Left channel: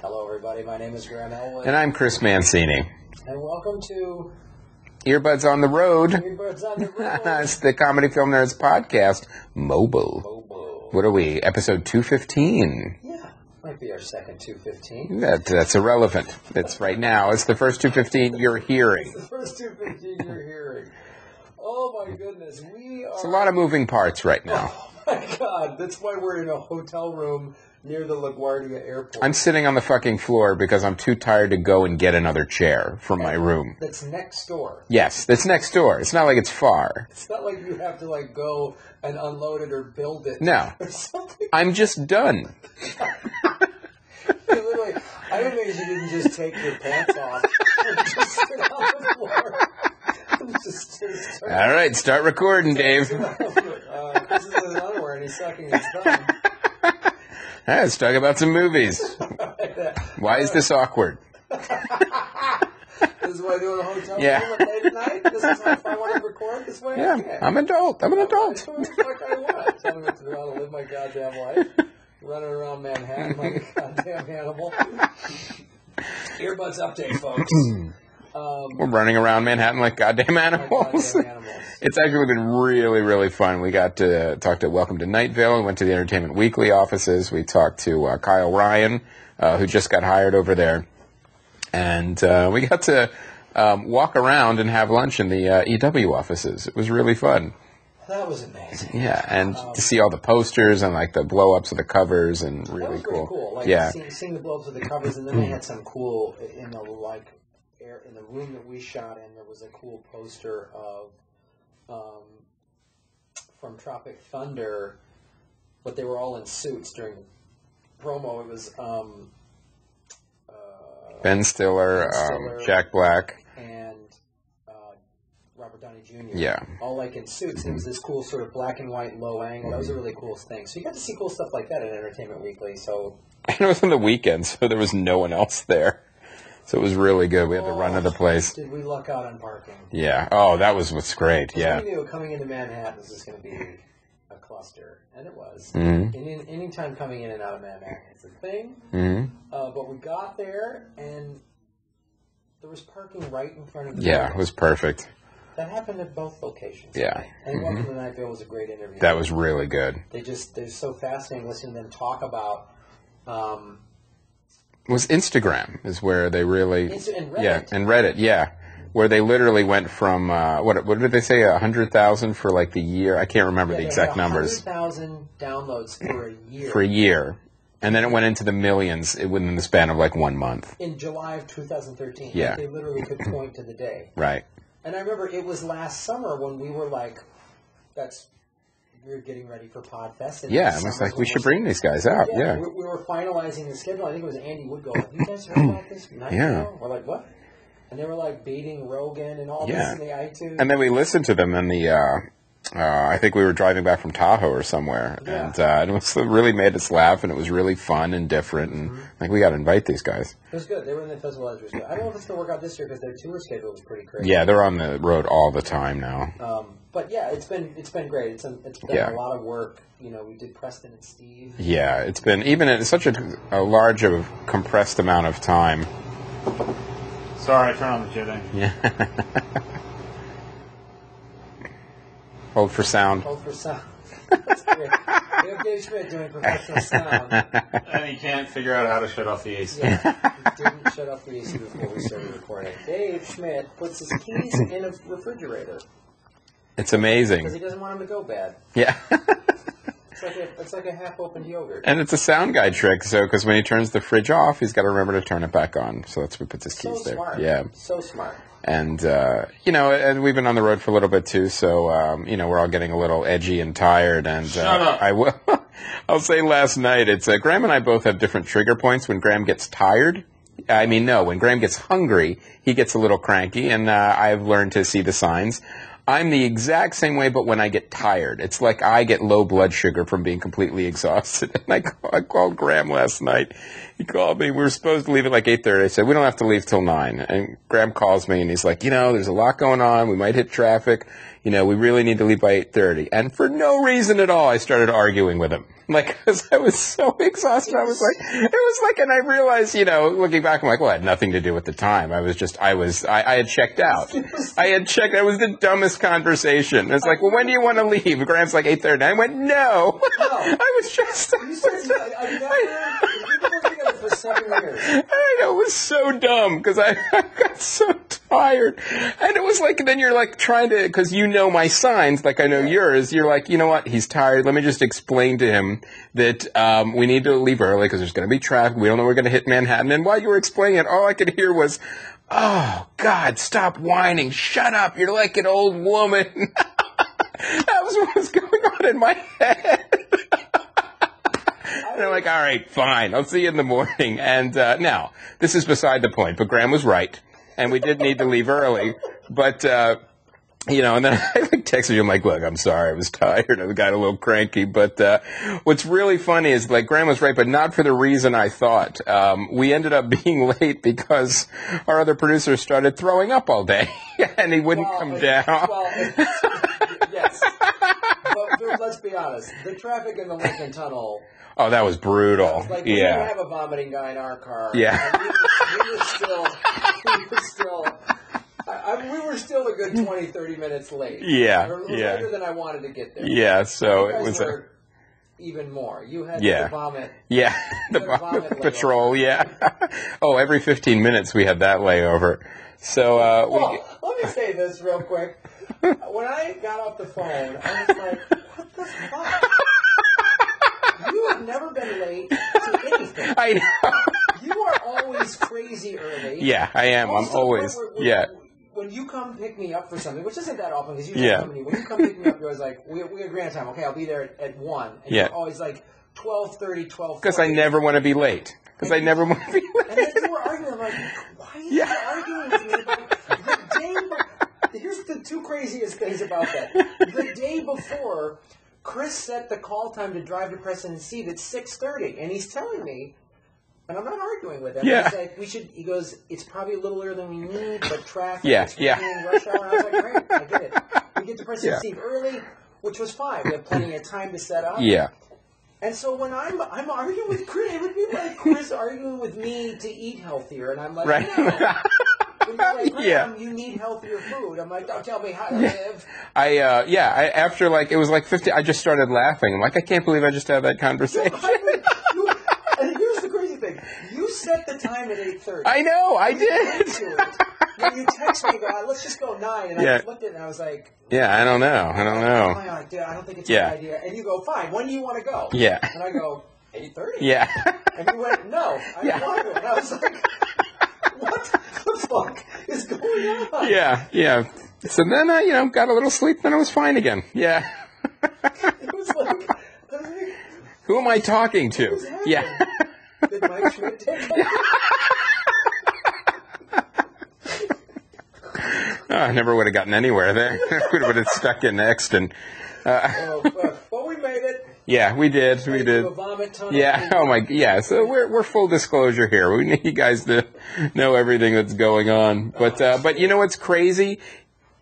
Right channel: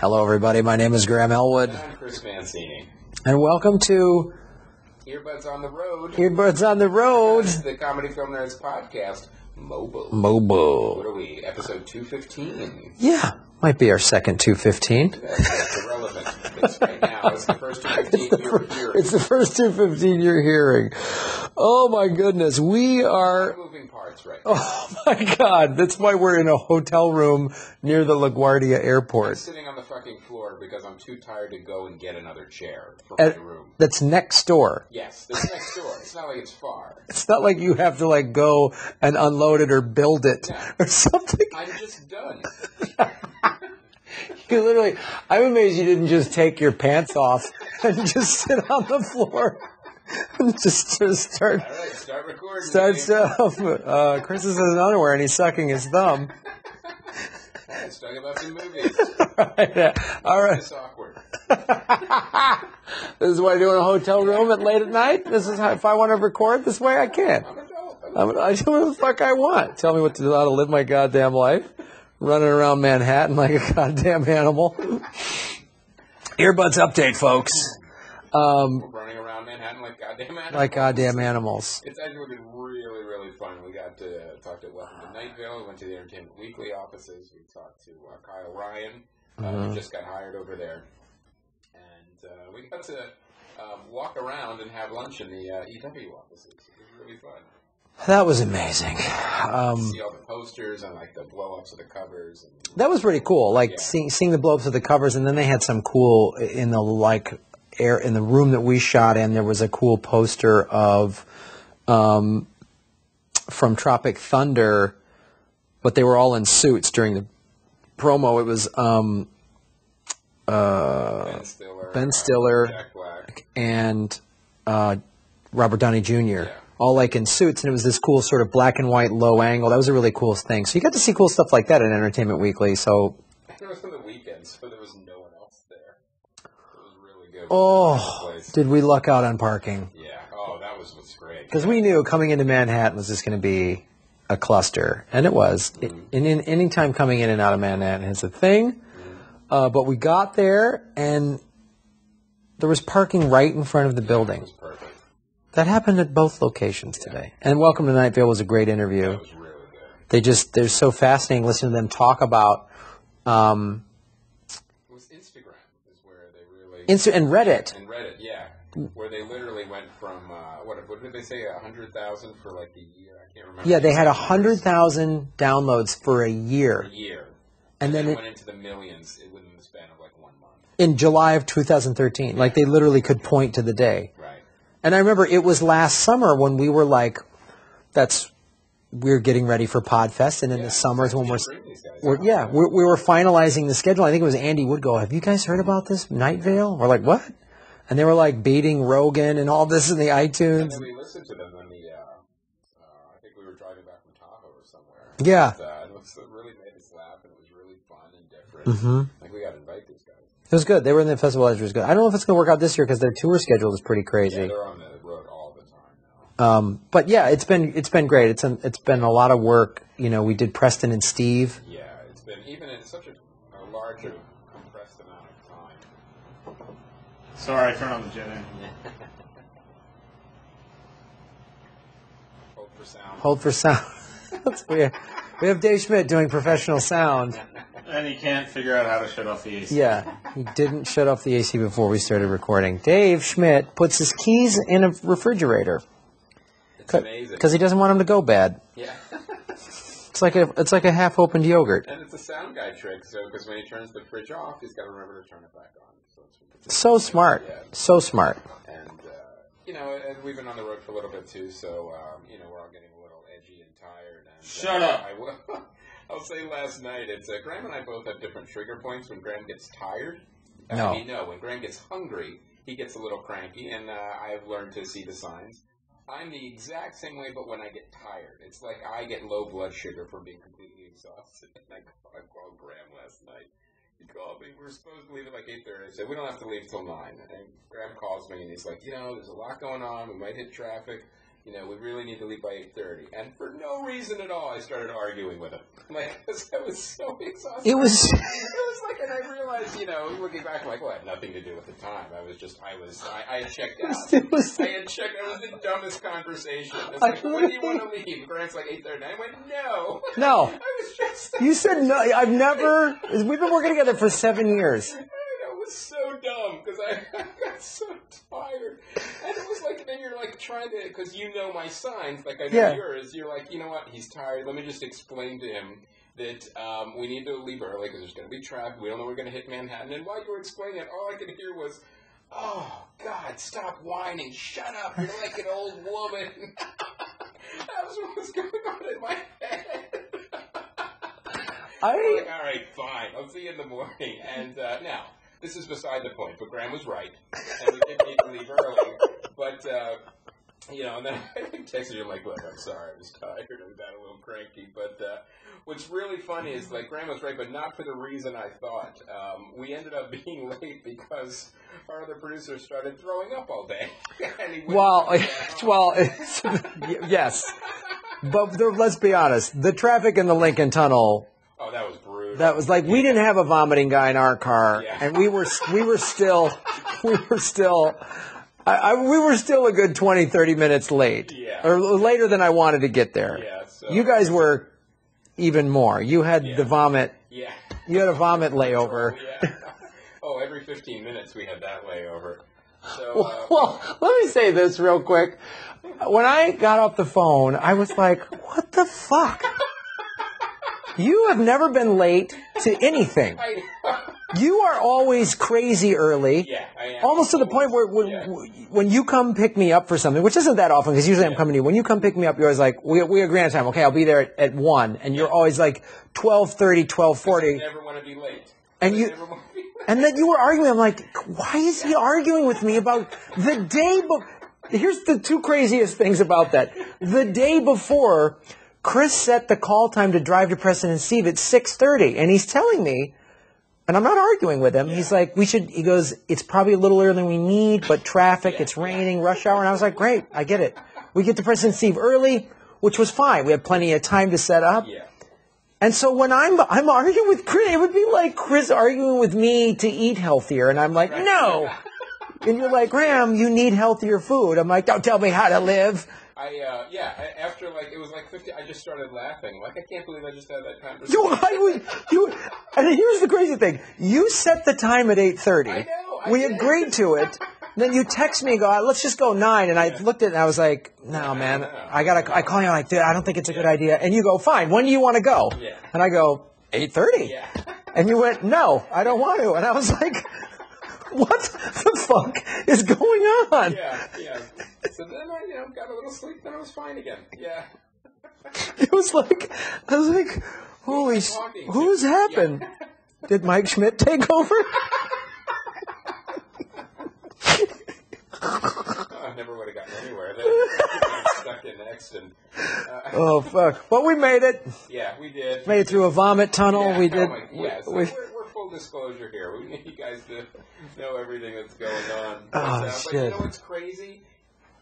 Hello, everybody. My name is Graham Elwood. And I'm Chris Mancini. And welcome to Earbuds on the Road. Earbuds on the Road. It's the Comedy Film Nerds podcast, Mobile. What are we? Episode 215. Yeah. Might be our second 215. That's irrelevant. It's right now. It's the first 215 you're hearing. It's the first 215 you're hearing. Oh, my goodness. It's a lot of moving parts right now. Oh, my God. That's why we're in a hotel room near the LaGuardia airport. I'm sitting on the fucking floor because I'm too tired to go and get another chair from my room. That's next door. Yes, that's next door. It's not like it's far. It's not like you have to, go and unload it or build it. No. Or something. I'm just done. You literally, I'm amazed you didn't just take your pants off and just sit on the floor and just start. All right, start recording, Dave. Chris is in his underwear and he's sucking his thumb. All right, let's talk about some movies. Why is this awkward? This is what I do in a hotel room at late at night? This is how, if I want to record this way, I can. I'm an adult. I do what the fuck I want. Tell me what to do, how to live my goddamn life. Running around Manhattan like a goddamn animal. Earbuds update, folks. We're running around Manhattan like goddamn animals. Like goddamn animals. It's actually been really, really fun. We got to talk to Welcome to Night Vale. We went to the Entertainment Weekly offices. We talked to Kyle Ryan, who just got hired over there. And we got to walk around and have lunch in the EW offices. It was really fun. That was amazing. Yeah, and to see all the posters and the blow-ups of the covers and really that was pretty cool. Seeing the blow-ups of the covers, and then they had some cool in the air in the room that we shot in. There was a cool poster of from Tropic Thunder, but they were all in suits during the promo. It was Ben Stiller, Jack Black, and Robert Downey Jr. Yeah. All in suits, and it was this cool sort of black and white low angle. That was a really cool thing. So you got to see cool stuff like that at Entertainment Weekly. So and it was on the weekend, so there was no one else there. So it was really good. We had the run of the place. Did we luck out on parking? Yeah. Oh, that was what's great. Because we knew coming into Manhattan was just going to be a cluster, and it was. Mm-hmm. Any time coming in and out of Manhattan is a thing. Mm-hmm. But we got there, and there was parking right in front of the building. Yeah, it was perfect. That happened at both locations today. And Welcome to Night Vale was a great interview. That was really good. They're so fascinating listening to them talk about. Was Instagram is where they really and Reddit. Yeah, and Reddit, yeah, where they literally went from what did they say 100,000 for the year? I can't remember. Yeah, the exact they had 100,000 downloads for a year. For a year. And then it went into the millions within the span of 1 month. In July of 2013. Yeah. They literally could point to the day. Right. And I remember it was last summer when we were we're getting ready for Podfest. And in the summers when we should bring these guys out. Yeah, we were finalizing the schedule. I think it was Andy would go, have you guys heard about this Night Vale? We're like, what? And they were beating Rogan and all this in the iTunes. And then we listened to them in the... I think we were driving back from Tahoe or somewhere. Yeah. And it really made us laugh, and it was really fun and different. Mm-hmm. And I think we got to invite these guys. It was good. They were in the festival. It was good. I don't know if it's going to work out this year because their tour schedule is pretty crazy. Yeah, they're on the road all the time now. But yeah, it's been great. It's been a lot of work. We did Preston and Steve. Yeah, it's been even in such a large compressed amount of time. Sorry, turn on the jibbing. Yeah. Hold for sound. Hold for sound. That's weird. We have Dave Schmidt doing professional sound. And he can't figure out how to shut off the AC. Yeah, he didn't shut off the AC before we started recording. Dave Schmidt puts his keys in a refrigerator. It's amazing. Because he doesn't want them to go bad. Yeah. It's like a half-opened yogurt. And it's a sound guy trick, because when he turns the fridge off, he's got to remember to turn it back on. So that's what he puts his So keys there. smart. Yeah. So smart. And, and we've been on the road for a little bit, too, so, we're all getting a little edgy and tired. And Shut up. I'll say last night, Graham and I both have different trigger points when Graham gets tired. When Graham gets hungry, he gets a little cranky, and I've learned to see the signs. I'm the exact same way, but when I get tired. It's like I get low blood sugar from being completely exhausted. And I called Graham last night. He called me. We were supposed to leave at 8:30. I said, we don't have to leave till 9. And Graham calls me, and he's like, there's a lot going on. We might hit traffic. we really need to leave by 8:30. And for no reason at all, I started arguing with him. Like, because I was so exhausted. It was like, and I realized, looking back, I'm like, well, it had nothing to do with the time. I had checked out. I had checked. It was the dumbest conversation. It's like, well, when do you want to leave? Graham's like 8:30. I went, no. I was just. You said no. We've been working together for 7 years. I know, it was so dumb because I got so tired. And it was like, then you're like trying to, because my signs, like I know yours, you're like, you know what, he's tired. Let me just explain to him that we need to leave early because there's going to be traffic. We don't know we're going to hit Manhattan. And while you were explaining it, all I could hear was, oh, God, stop whining. Shut up. You're like an old woman. That was what was going on in my head. And I'm like, all right, fine. I'll see you in the morning. And now, this is beside the point, but Graham was right. And we did need to leave early. But, and then I texted you. I'm like, look, I'm sorry. I was tired. I got a little cranky. But what's really funny is, like, Graham was right, but not for the reason I thought. We ended up being late because our other producer started throwing up all day. And he wouldn't come down. Well, yes. But let's be honest. The traffic in the Lincoln Tunnel... Oh, that was brutal. That was like, we didn't have a vomiting guy in our car. Yeah. And we were still a good 20, 30 minutes late. Yeah. Or later than I wanted to get there. Yeah, so. You guys were even more. You had the vomit. Yeah. You had a vomit layover. Patrol, yeah. Oh, every 15 minutes we had that layover. So, let me say this real quick. When I got off the phone, I was like, what the fuck? You have never been late to anything. I know. You are always crazy early. Yeah, I am. Almost to the point where when you come pick me up for something, which isn't that often because usually I'm coming to you. When you come pick me up, you're always like, we agree on time. Okay, I'll be there at 1. And you're always like 12:30, 12:40. Because I never want to be late. And then you were arguing. I'm like, why is he arguing with me about the day Here's the two craziest things about that. The day before... Chris set the call time to drive to Preston and Steve at 6:30, and he's telling me, and I'm not arguing with him. Yeah. He's like, he goes, it's probably a little earlier than we need, but traffic, it's raining, rush hour. And I was like, great, I get it. We get to Preston and Steve early, which was fine. We had plenty of time to set up. Yeah. And so when I'm arguing with Chris, it would be like Chris arguing with me to eat healthier, and I'm like, no. And you're like, Graham, you need healthier food. I'm like, don't tell me how to live. After it was like 50, I just started laughing. I'm like, I can't believe I just had that conversation. And here's the crazy thing. You set the time at 8:30. I know, I did. We agreed to it. Then you text me and go, let's just go 9. And I looked at it and I was like, I don't know. I call you like, dude, I don't think it's a good idea. And you go, fine, when do you want to go? Yeah. And I go, 8:30. Yeah. And you went, no, I don't want to. And I was like... What the fuck is going on? Yeah. So then I, got a little sleep, then I was fine again. Yeah. It was like, I was like, who am I talking to? Who's happened? Yeah. Did Mike Schmidt take over? I never would have gotten anywhere there. I would have stuck in next. And, oh, fuck. Well, we made it. Yeah, we did. Made it through a vomit tunnel. Yeah, we did. Yeah, so we're full disclosure here. We need you guys to know everything that's going on. But you know what's crazy?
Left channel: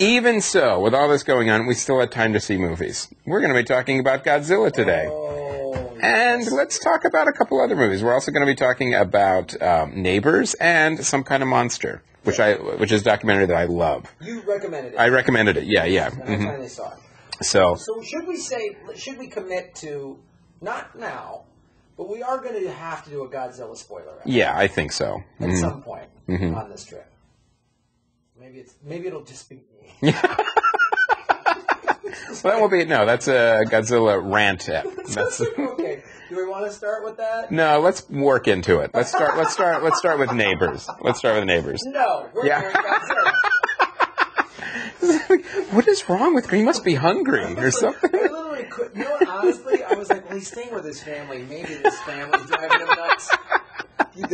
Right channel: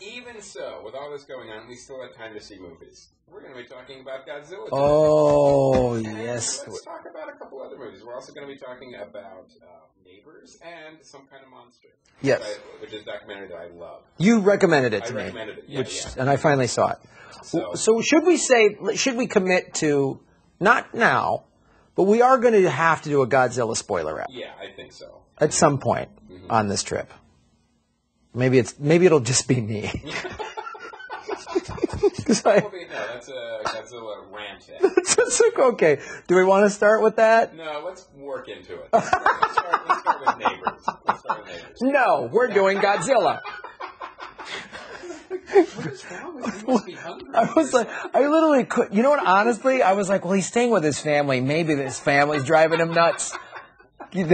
Even so, with all this going on, we still had time to see movies. We're going to be talking about Godzilla today. Oh, yes. And let's talk about a couple other movies. We're also going to be talking about Neighbors and Some Kind of Monster, which is a documentary that I love. You recommended it. I recommended it, yeah. And I finally saw it. So should we commit to, not now, but we are going to have to do a Godzilla spoiler wrap. Yeah, I think so. At some point on this trip. Maybe it'll just be me. That won't be. No, that's a Godzilla rant. Okay. Do we want to start with that? No, let's work into it. Let's start with Neighbors. Let's start with Neighbors. No, we're doing Godzilla. What is wrong with him? He must be hungry or something. I literally could. You know what? Honestly, I was like, well, he's staying with his family. Maybe his family's driving him nuts. Dave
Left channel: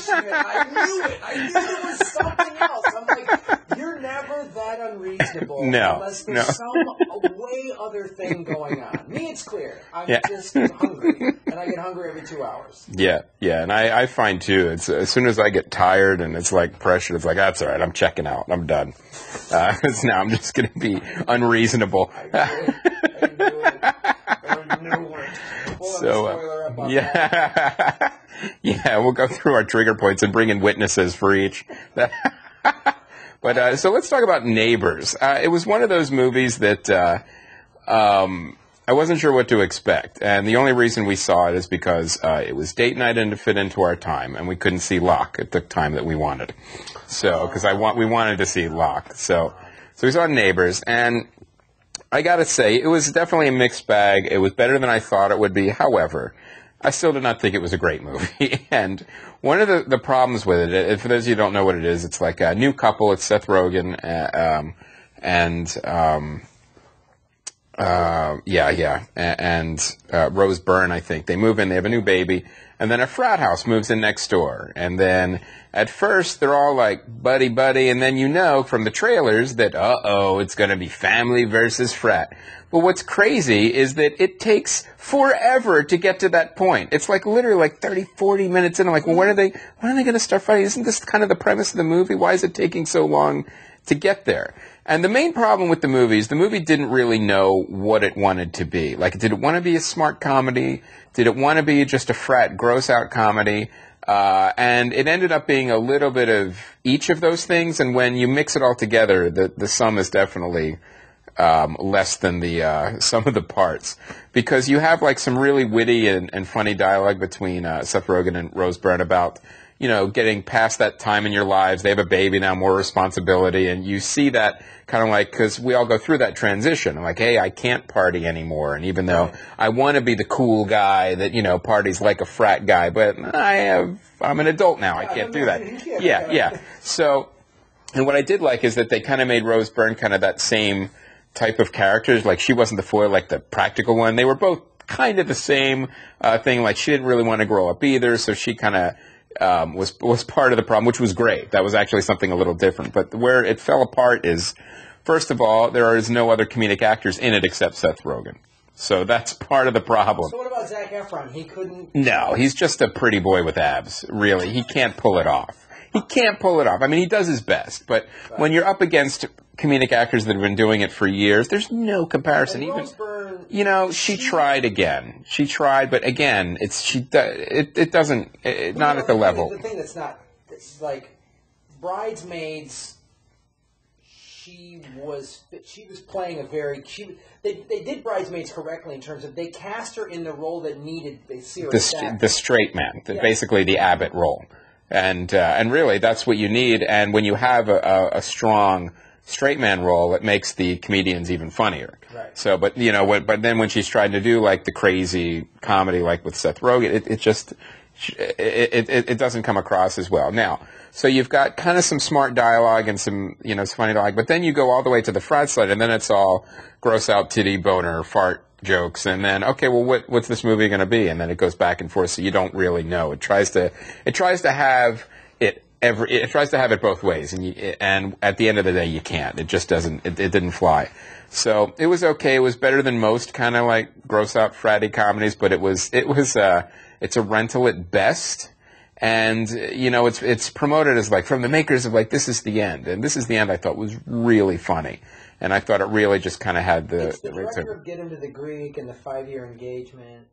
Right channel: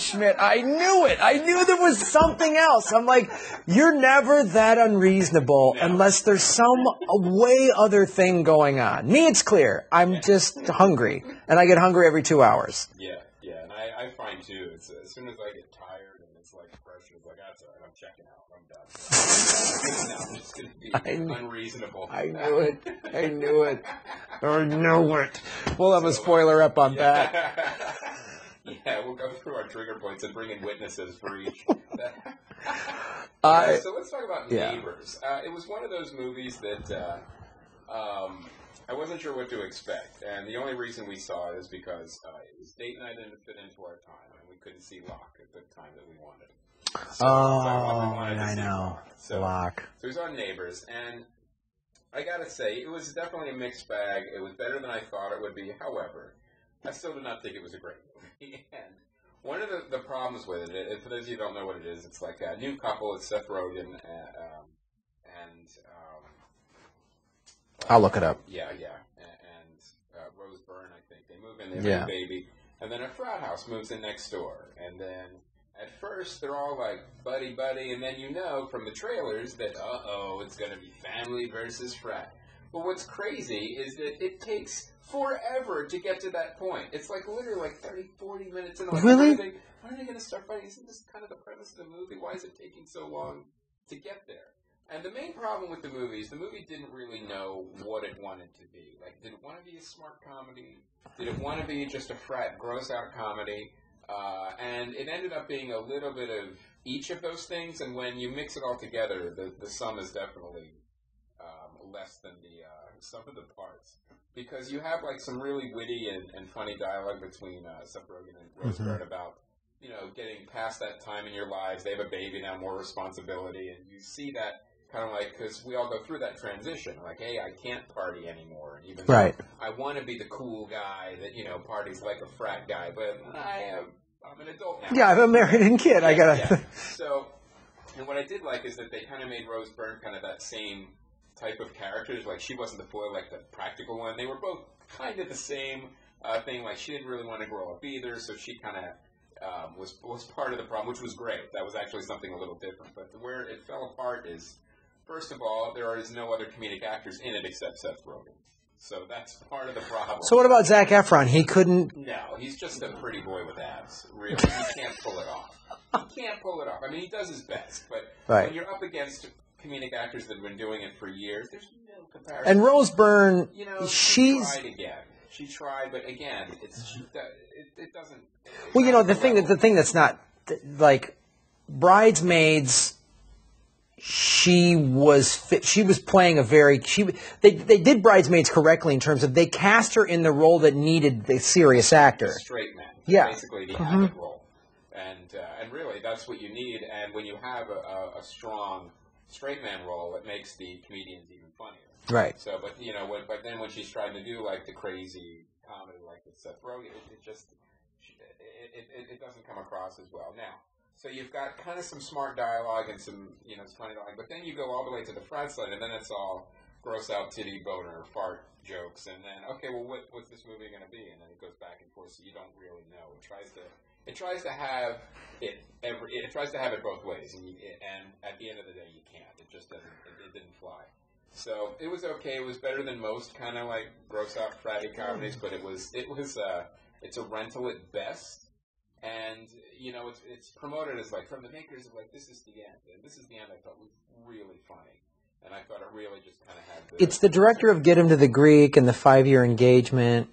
Schmidt. I knew it. I knew there was something else. I'm like, you're never that unreasonable unless there's some way other thing going on. Me, it's clear. I'm just hungry, and I get hungry every 2 hours. Yeah, and I find too. It's as soon as I get tired and it's like pressure, it's like that's all right. I'm checking out. I'm done. Now I'm just going to be unreasonable. I knew it. I knew it. We'll have a spoiler up on that. Yeah, we'll go through our trigger points and bring in witnesses for each. But so let's talk about Neighbors. It was one of those movies that I wasn't sure what to expect, and the only reason we saw it is because it was date night and to fit into our time, and we couldn't see Locke at the time that we wanted. So because we wanted to see Locke, so we saw Neighbors, and I gotta say it was definitely a mixed bag. It was better than I thought it would be. However, I still did not think it was a great movie. And one of the problems with it, for those of you who don't know what it is, it's like a new couple. It's Seth Rogen and I'll look it up. Yeah. And Rose Byrne, I think. They move in, they have a new baby, and then a frat house moves in next door. And then at first they're all like buddy, and then you know from the trailers that, it's going to be family versus frat. But what's crazy is that it takes forever to get to that point. It's like literally like 30, 40 minutes in. I'm like, really? When are they going to start fighting? Isn't this kind of the premise of the movie? Why is it taking so long to get there? And the main problem with the movie is the movie didn't really know what it wanted to be. Like, did it want to be a smart comedy? Did it want to be just a frat, gross-out comedy? And it ended up being a little bit of each of those things. And when you mix it all together, the sum is definitely less than the sum of the parts, because you have like some really witty and funny dialogue between Seth Rogen and Rose Byrne about, getting past that time in your lives. They have a baby now, more responsibility, and you see that kind of like, because we all go through that transition. I'm like, hey, I can't party anymore, and even though I want to be the cool guy that parties like a frat guy, but I'm an adult now. Yeah, I'm an American kid. Yeah. So, and what I did like is that they kind of made Rose Byrne kind of that same type of characters. Like, she wasn't the foil, like the practical one. They were both kind of the same thing. Like, she didn't really want to grow up either, so she kind of was part of the problem, which was great. That was actually something a little different. But where it fell apart is, first of all, there is no other comedic actors in it except Seth Rogen. So that's part of the problem. So what about Zac Efron? He couldn't... No, he's just a pretty boy with abs, really. He can't pull it off. I mean, he does his best, but when you're up against comedic actors that have been doing it for years, there's no comparison. And Rose Byrne, she tried again. She tried, but again, it doesn't. It's not at the level. The thing that's not like Bridesmaids. She was playing a very they did Bridesmaids correctly in terms of they cast her in the role that needed the serious actor, the straight man, basically the Abbott role. And really, that's what you need. And when you have a strong straight man role, it makes the comedians even funnier. Right. So, but then when she's trying to do like the crazy comedy, like with Seth Rogen, it doesn't come across as well. Now, so you've got kind of some smart dialogue and some some funny dialogue, but then you go all the way to the frat side, and then it's all gross out titty boner fart jokes, and then what's this movie going to be? And then it goes back and forth, so you don't really know. It tries to have it both ways, and at the end of the day, you can't. It just doesn't. It didn't fly. So it was okay. It was better than most kind of like gross out fratty comedies, but it's a rental at best. And it's promoted as like from the makers of like This Is the End, and This Is the End I thought was really funny. And I thought it really just kind of had the... It's the director of Get Him to the Greek and the 5-Year Engagement.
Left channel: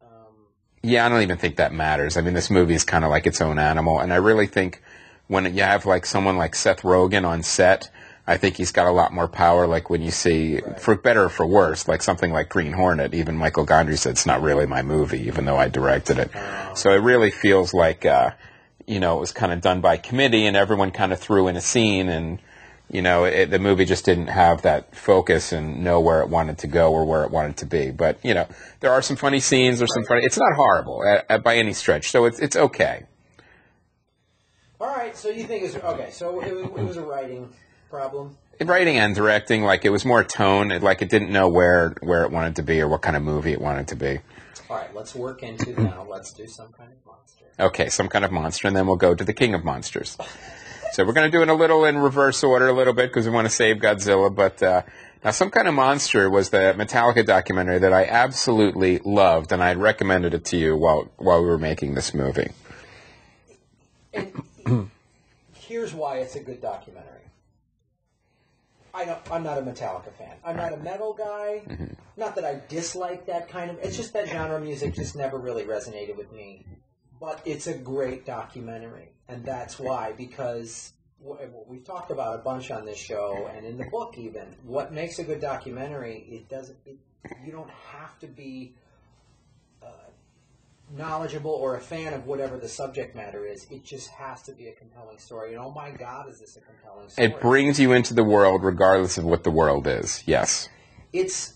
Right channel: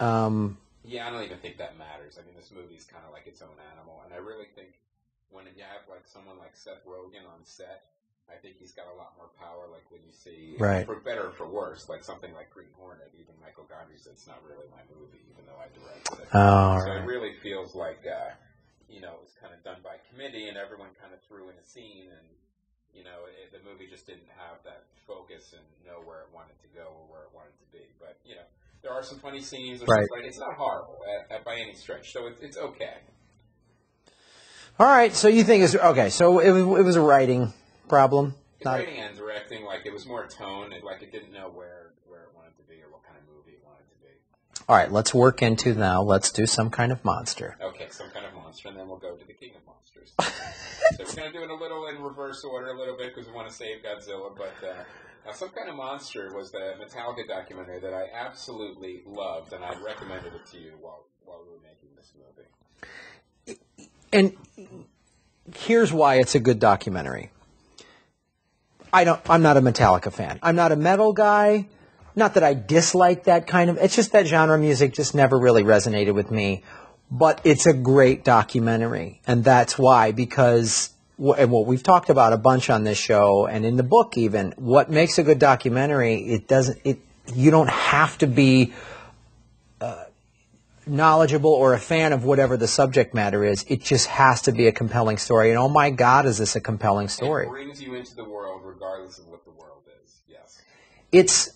Yeah, I don't even think that matters. I mean, this movie is kind of like its own animal. And I really think when you have like someone like Seth Rogen on set, I think he's got a lot more power. Like when you see, for better or for worse, like something like Green Hornet, even Michael Gondry said it's not really my movie, even though I directed it. Oh. So it really feels like, it was kind of done by committee and everyone kind of threw in a scene and... the movie just didn't have that focus and know where it wanted to go or where it wanted to be. But, there are some funny scenes. There's some funny... It's not horrible by any stretch, so it's okay. All right, so you think it's... Okay, so it was a writing problem? Writing and directing, like, it was more tone. It didn't know where it wanted to be or what kind of movie it wanted to be. All right, let's work into now. Let's do some kind of monster. Okay, some kind of monster, and then we'll go to the king of monsters. So we're going to do it a little in reverse order a little bit because we want to save Godzilla. But now, Some Kind of Monster was the Metallica documentary that I absolutely loved, and I had recommended it to you while we were making this movie. And here's why it's a good documentary. I'm not a Metallica fan. I'm not a metal guy. Mm-hmm. Not that I dislike that kind of. It's just that genre of music just never really resonated with me. But it's a great documentary, and that's why. Because and what we've talked about a bunch on this show and in the book, even what makes a good documentary. You don't have to be knowledgeable or a fan of whatever the subject matter is. It just has to be a compelling story. And oh my God, is this a compelling story? It brings you into the world regardless of what the world is. Yes. It's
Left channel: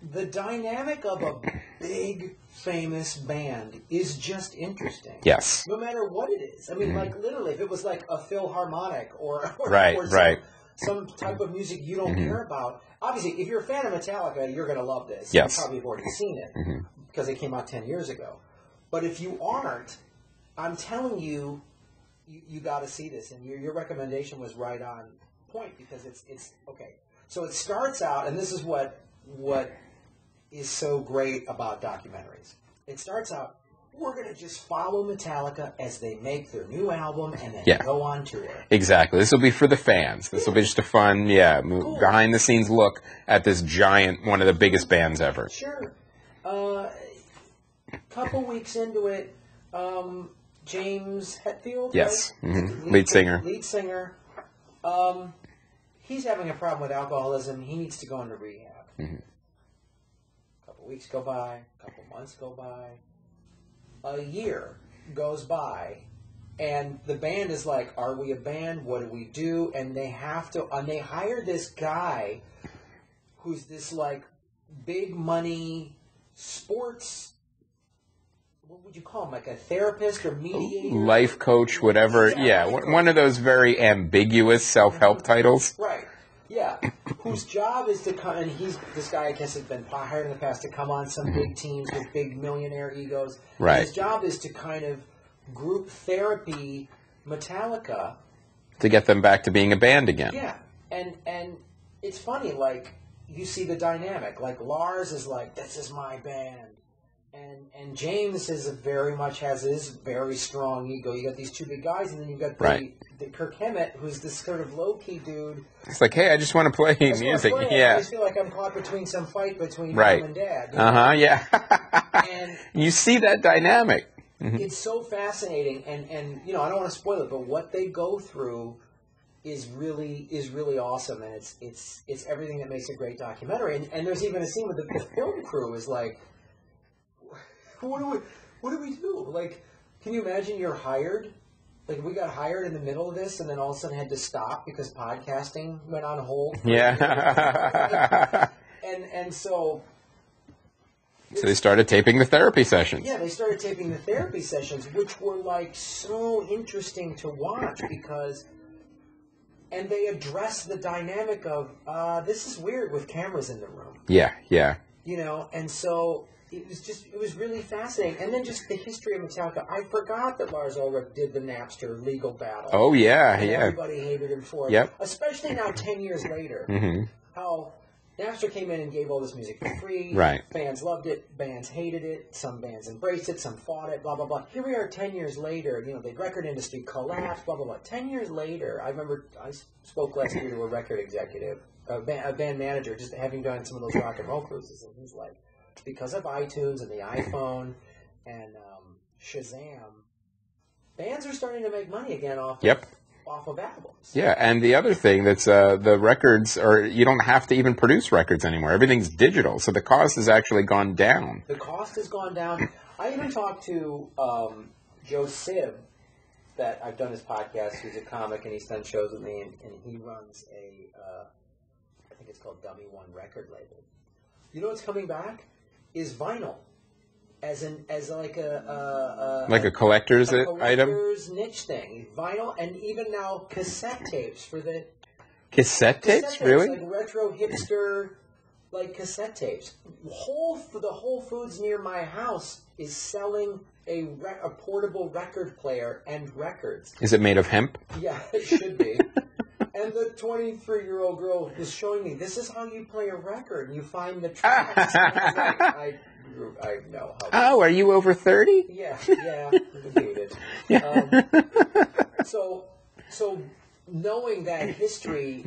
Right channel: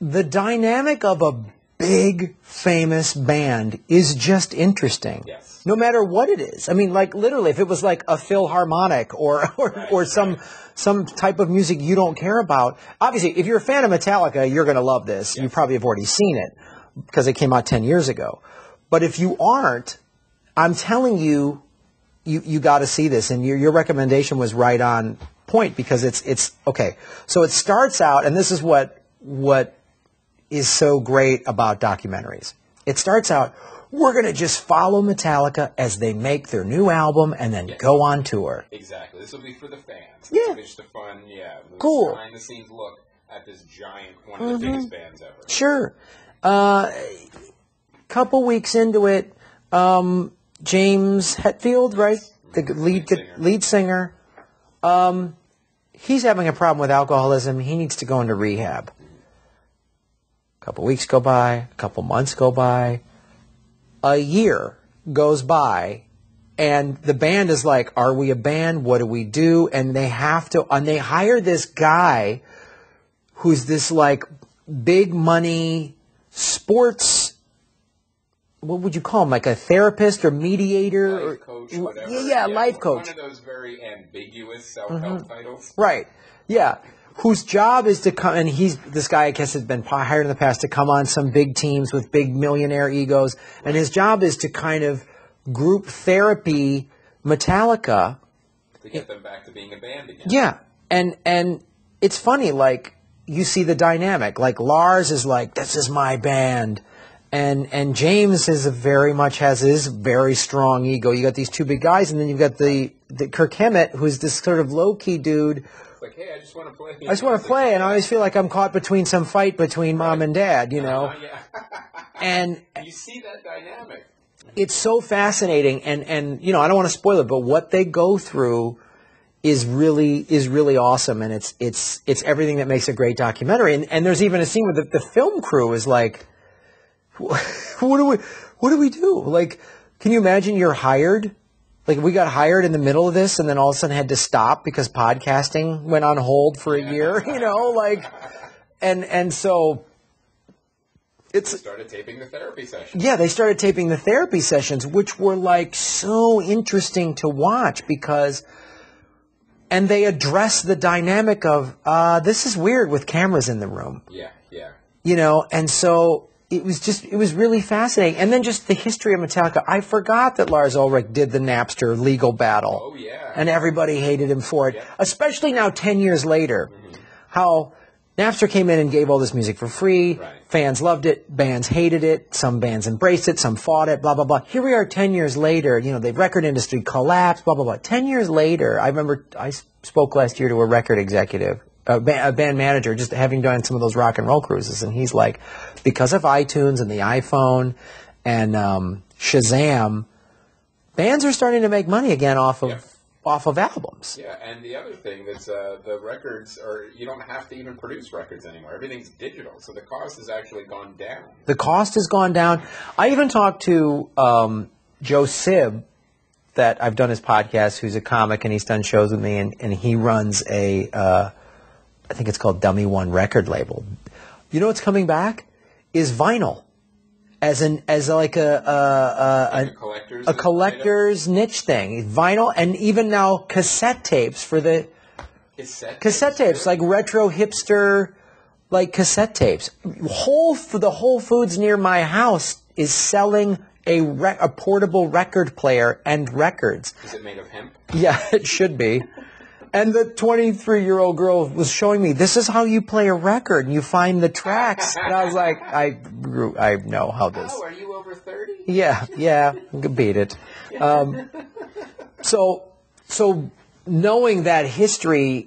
the dynamic of a big, famous band is just interesting. Yes. No matter what it is. I mean, like literally, if it was like a Philharmonic or some type of music you don't care about. Obviously, if you're a fan of Metallica, you're going to love this. Yes. You probably have already seen it because it came out 10 years ago. But if you aren't, I'm telling you, you got to see this. And your recommendation was right on point because it's okay. So it starts out, and this is what is so great about documentaries. It starts out, we're going to just follow Metallica as they make their new album and then go on tour. Exactly. This will be for the fans. This will be just a fun, cool. behind-the-scenes look at this giant, one of the biggest bands ever. Sure. Couple weeks into it, James Hetfield, yes. right? Mm-hmm. The lead singer. He's having a problem with alcoholism. He needs to go into rehab. Mm-hmm. A couple weeks go by. A couple months go by. A year goes by, and the band is like, are we a band? What do we do? And they have to, and they hire this guy who's this like big money sports, what would you call him? Like a therapist or mediator? Life coach, whatever. Life coach. One of those very ambiguous self-help titles. Right. Yeah. Whose job is to come, and this guy, I guess, has been hired in the past to come on some big teams with big millionaire egos. Right. And his job is to kind of group therapy Metallica. To get them back to being a band again. Yeah. And it's funny, like, you see the dynamic. Like, Lars is like, this is my band. And James has his very strong ego. You got these two big guys, and then you've got the Kirk Hammett, who's this sort of low-key dude. It's like, hey, I just want to play music. I just want to play, and I always feel like I'm caught between some fight between mom and dad. You know? Yeah. And you see that dynamic. Mm-hmm. It's so fascinating, and I don't want to spoil it, but what they go through is really awesome, and it's everything that makes a great documentary. And there's even a scene where the film crew is like, what do we do? Like, can you imagine you're hired? Like, we got hired in the middle of this and then all of a sudden had to stop because podcasting went on hold for a year, and so they started taping the therapy sessions. Yeah, they started taping the therapy sessions, which were like so interesting to watch and they address the dynamic of, this is weird with cameras in the room. Yeah. And so it was really fascinating. And then just the history of Metallica. I forgot that Lars Ulrich did the Napster legal battle. Oh, yeah. And everybody hated him for it. Yep. Especially now 10 years later. How Napster came in and gave all this music for free. Right. Fans loved it. Bands hated it. Some bands embraced it. Some fought it. Blah, blah, blah. Here we are 10 years later. The record industry collapsed. Blah, blah, blah. 10 years later, I remember I spoke last year to a record executive. A band manager, just having done some of those rock and roll cruises, and he's like, because of iTunes and the iPhone and Shazam, bands are starting to make money again off of albums. Yeah, and the other thing that's the records you don't have to even produce records anymore. Everything's digital, so the cost has actually gone down. The cost has gone down. I even talked to Joe Sib, that I've done his podcast, who's a comic, and he's done shows with me, and he runs I think it's called Dummy One record label. You know what's coming back? Is vinyl, as like a collector's niche thing. Vinyl, and even now cassette tapes for the Cassette tapes? Cassette tapes, Really? like retro hipster, like cassette tapes. The Whole Foods near my house is selling a portable record player and records. Is it made of hemp? Yeah, it should be. And the 23-year-old girl was showing me, this is how you play a record, and you find the tracks. And I was like, I know how this... Oh, are you over 30? Yeah, beat it. So knowing that history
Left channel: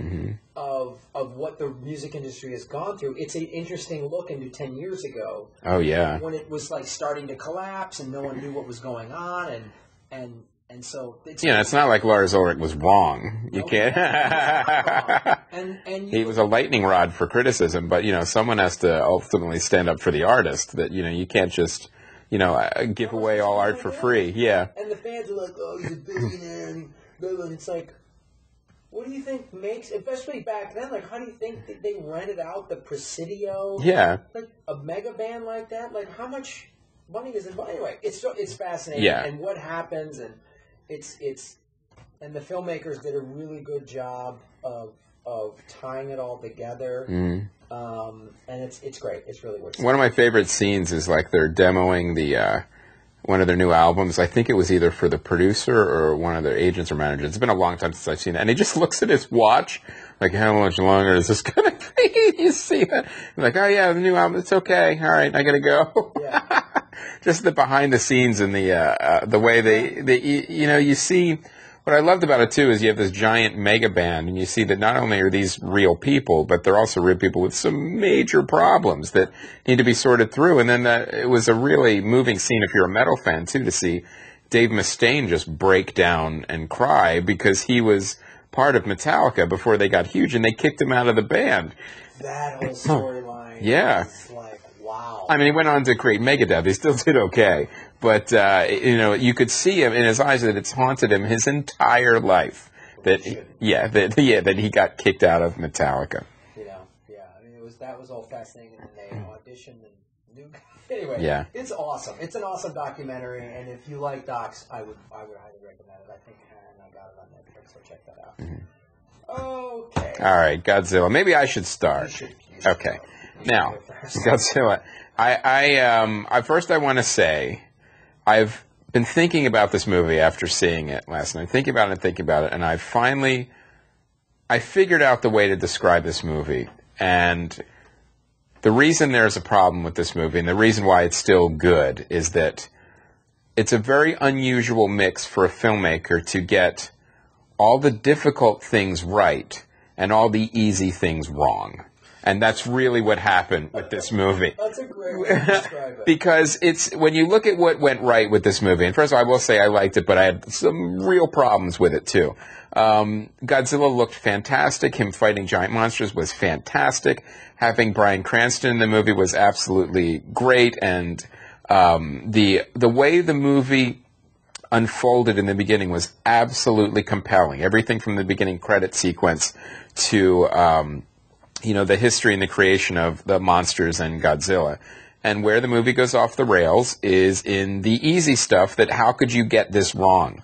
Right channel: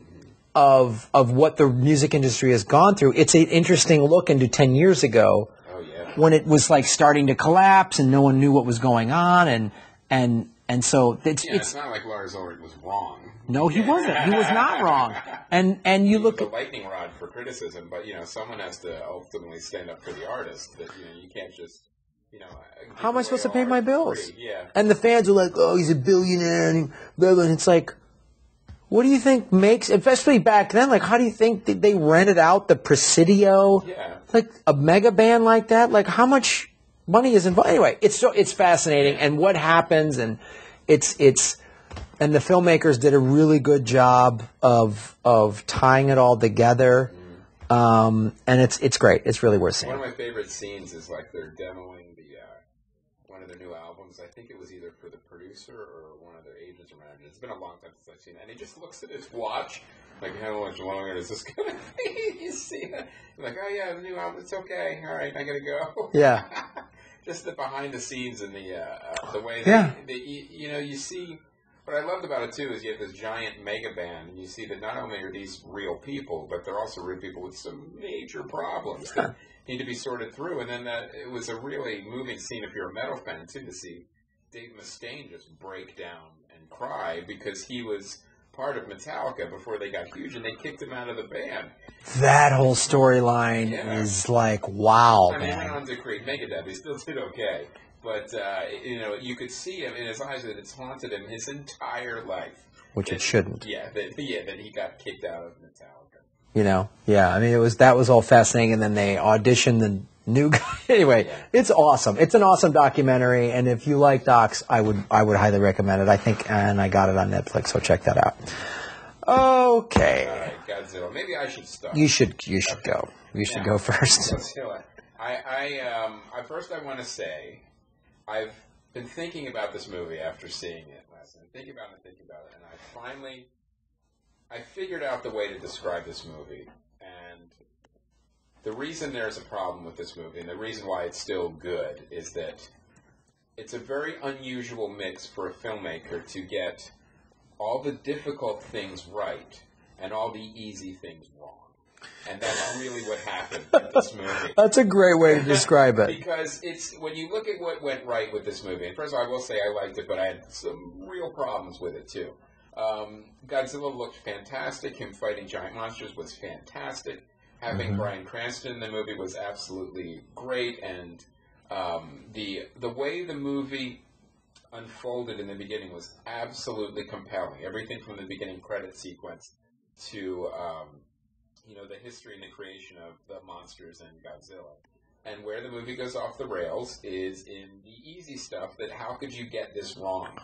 of what the music industry has gone through, it's an interesting look into 10 years ago. Oh, yeah. When it was like starting to collapse and no one knew what was going on, and so it's not like Lars Ulrich was wrong. No, he wasn't. He was not wrong. And you he was a lightning rod for criticism, but someone has to ultimately stand up for the artist. That you can't just give away all art for free. Yeah. And the fans are like, oh, he's a billionaire, and it's like, what do you think makes, especially back then? Like, how do you think they rented out the Presidio? Yeah. Like a mega band like that. Like, how much money is involved? Anyway, it's fascinating, and what happens, and and the filmmakers did a really good job of tying it all together. And it's great. It's really worth seeing. One of my favorite scenes is like they're demoing the one of their new albums. I think it was either for the producer or one of their agents or managers. It's been a long time since I've seen it, and he just looks at his watch. Like, how much longer is this going to be? You see it. Like, oh, yeah, the new album, it's okay. All right, I got to go. Yeah. Just the behind the scenes and the way they you see, what I loved about it, too, is you have this giant mega band, and you see that not only are these real people, but they're also real people with some major problems that need to be sorted through. And then it was a really moving scene, if you're a metal fan, too, to see Dave Mustaine just break down and cry because he was part of Metallica before they got huge, and they kicked him out of the band. That whole storyline is like, wow. I mean, he went on to create Megadeth. He still did okay. But, you could see him in his eyes that it's haunted him his entire life. Which it shouldn't. Yeah, that he got kicked out of Metallica. I mean, that was all fascinating, and then they auditioned the new guy. Anyway, It's awesome. It's an awesome documentary, and if you like docs, I would highly recommend it. I think, and I got it on Netflix, so check that out. Okay. All right, Godzilla. Maybe I should start. You should okay. go. You should go first. Godzilla. First I want to say, I've been thinking about this movie after seeing it last night, thinking about it, and I figured out the way to describe this movie, and the reason there's a problem with this movie, and the reason why it's still good, is that it's a very unusual mix for a filmmaker to get all the difficult things right and all the easy things wrong. And that's really what happened with this movie. That's a great way to describe it. Because when you look at what went right with this movie, and first of all, I will say I liked it, but I had some real problems with it too. Godzilla looked fantastic. Him fighting giant monsters was fantastic. Having Bryan Cranston in the movie was absolutely great, and the way the movie unfolded in the beginning was absolutely compelling. Everything from the beginning credit sequence to the history and the creation of the monsters and Godzilla. And where the movie goes off the rails is in the easy stuff that how could you get this wrong?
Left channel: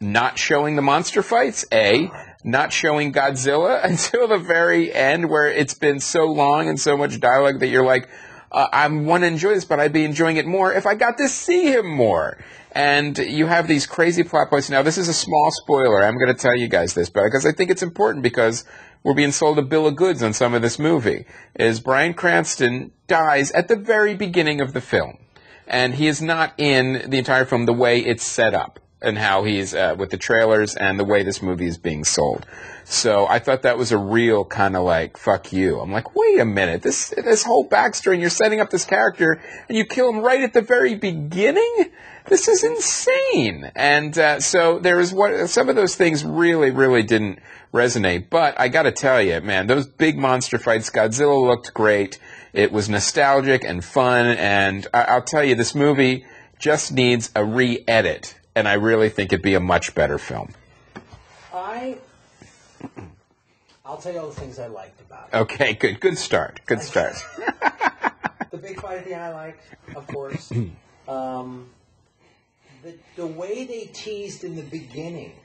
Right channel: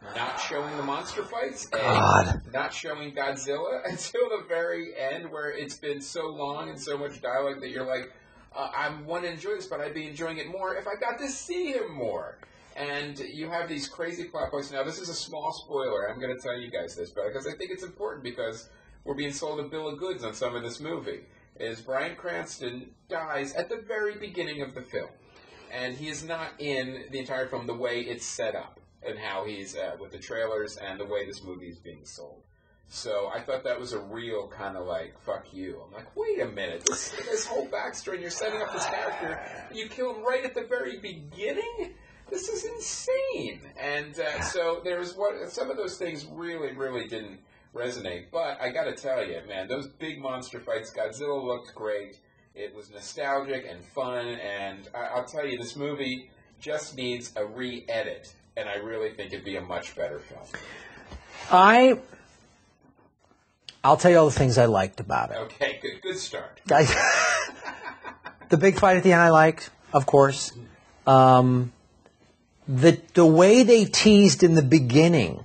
Not showing the monster fights, not showing Godzilla until the very end where it's been so long and so much dialogue that you're like, I want to enjoy this, but I'd be enjoying it more if I got to see him more. And you have these crazy plot points. Now, this is a small spoiler. I'm going to tell you guys this, because I think it's important because we're being sold a bill of goods on some of this movie. Is Bryan Cranston dies at the very beginning of the film. And he is not in the entire film the way it's set up and how he's with the trailers and the way this movie is being sold. So I thought that was a real kind of like, fuck you. I'm like, wait a minute, this whole backstory, and you're setting up this character, and you kill him right at the very beginning? This is insane. And so there was some of those things really, really didn't resonate. But I got to tell you, man, those big monster fights, Godzilla looked great. It was nostalgic and fun. And I'll tell you, this movie just needs a re-edit. And I really think it'd be a much better film. I'll tell you all the things I liked about it. Okay, good. Good start. Good start. The big fight at the end I liked, of course. The way they teased in the beginning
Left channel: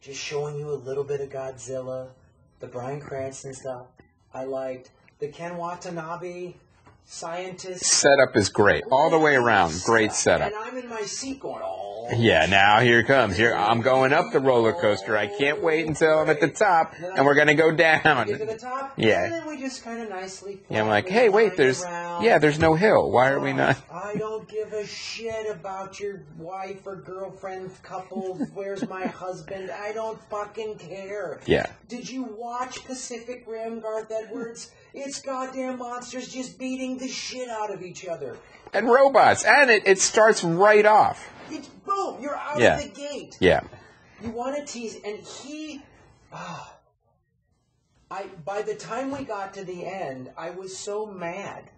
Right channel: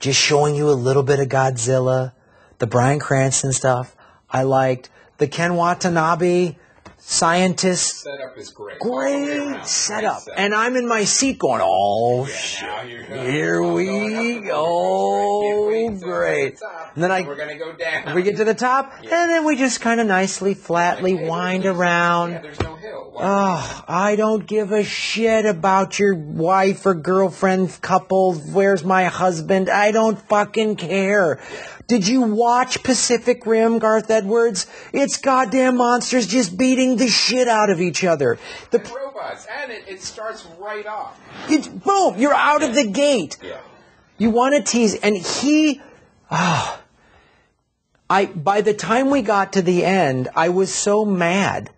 just showing you a little bit of Godzilla, the Bryan Cranston stuff. I liked the Ken Watanabe scientist. Setup is great. All the way around. Great setup. And I'm in my seat going, oh, yeah, now here it comes. I'm going up the roller coaster. I can't wait until I'm at the top, and we're going to go down. We get to the top, and then we just kind of nicely, flatly wind around. Yeah, there's no hill. Why are we not? I don't give a shit about your wife or girlfriend couple. Where's my husband? I don't fucking care. Yeah. Did you watch Pacific Rim, Garth Edwards? It's goddamn monsters just beating the shit out of each other. And robots. And it starts right off. Boom! You're out of the gate. Yeah. You want to tease, and by the time we got to the end, I was so mad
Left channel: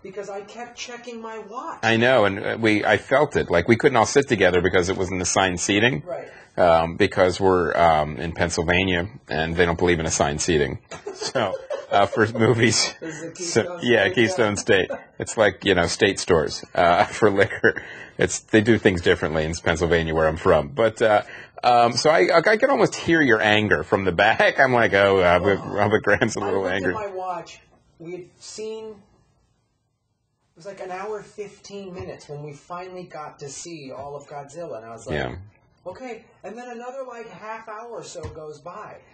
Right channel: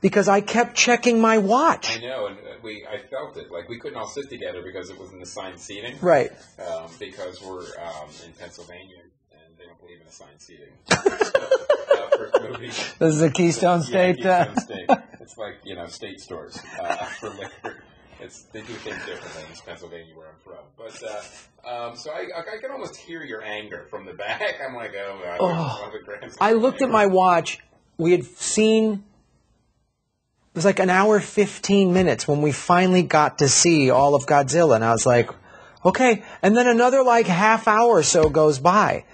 because I kept checking my watch. I know, and I felt it. Like, we couldn't all sit together because it wasn't assigned seating. Right. Because we're in Pennsylvania, and they don't believe in assigned seating. So, for movies. This is a Keystone State. Yeah, Keystone State. It's like, state stores for liquor. They do things differently in Pennsylvania, where I'm from. But so I can almost hear your anger from the back. I'm like, Robert Graham's a little I looked angry. at my watch. We had seen. It was like an hour 15 minutes when we finally got to see all of Godzilla, and I was like, okay. And then another like half hour or so goes by,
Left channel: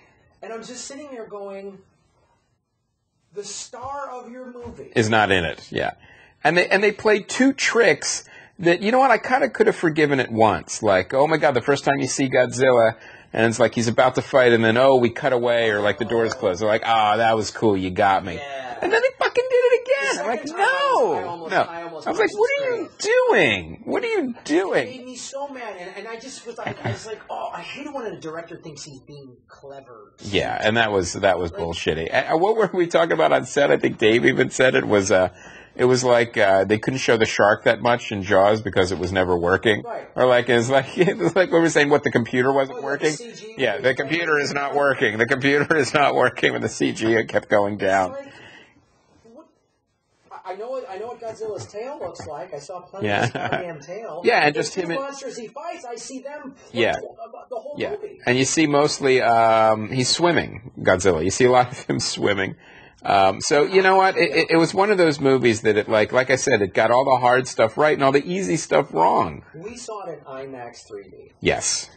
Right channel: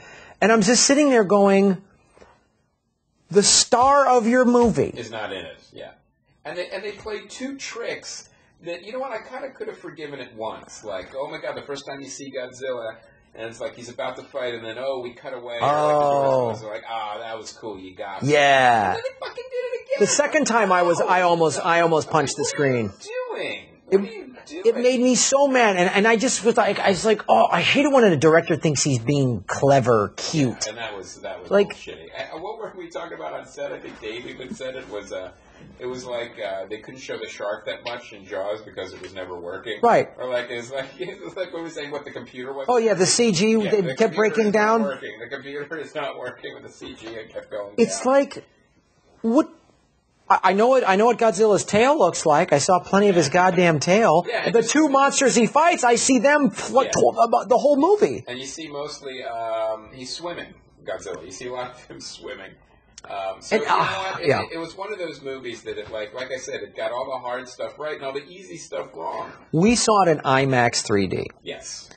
and I'm just sitting there going, the star of your movie is not in it. Yeah, and they played two tricks. That, you know what, I kind of could have forgiven it once. Like, oh my God, the first time you see Godzilla, and it's like he's about to fight, and then, we cut away, or like the doors close. They're like, that was cool, you got me. Yeah. And then they fucking did it again. The second time I almost punched the screen. What are you doing? What are you doing? It made me so mad, and I just was like, I hate it when a director thinks he's being clever, cute. Yeah, and that was like, bullshitty. What were we talking about on set? I think Dave even said it was... It was like they couldn't show the shark that much in Jaws because it was never working. Right. Or like it was like we were saying what the computer wasn't working. Oh, yeah, the CG the kept computer breaking is down. Not working. The computer is not working with the CG. It kept going down. It's like, what... I know what Godzilla's tail looks like. I saw plenty of his goddamn tail. Yeah, and the two monsters he fights, I see them the whole movie. And you see mostly he's swimming, Godzilla. You see a lot of him swimming. You know what? It was one of those movies that it like I said, it got all the hard stuff right and all the easy stuff wrong. We saw it in IMAX 3D. Yes.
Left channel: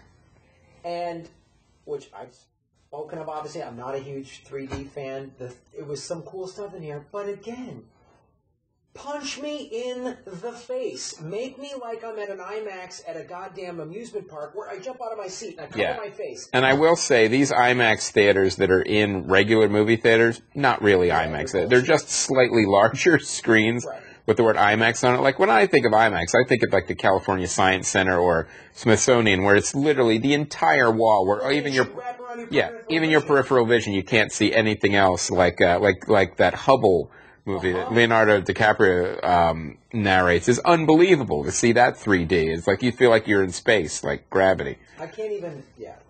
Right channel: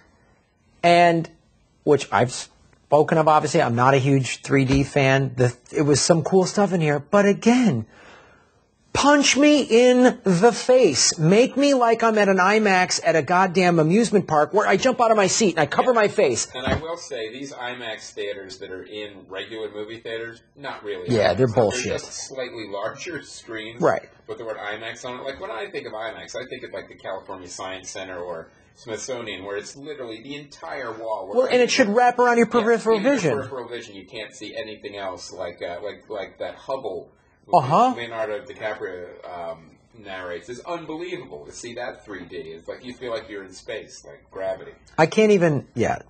And, which I've spoken of, obviously. I'm not a huge 3D fan. It was some cool stuff in here. But again, punch me in the face. Make me like I'm at an IMAX at a goddamn amusement park where I jump out of my seat and I cover my face. And I will say, these IMAX theaters that are in regular movie theaters, not really IMAX. They're bullshit. They're just slightly larger screens with the word IMAX on it. Like, when I think of IMAX, I think of like the California Science Center or Smithsonian, where it's literally the entire wall. And it should wrap around your peripheral vision. Even your peripheral vision, you can't see anything else like that Hubble movie that Leonardo DiCaprio narrates is unbelievable to see that 3D. It's like you feel like you're in space, like gravity. I can't even.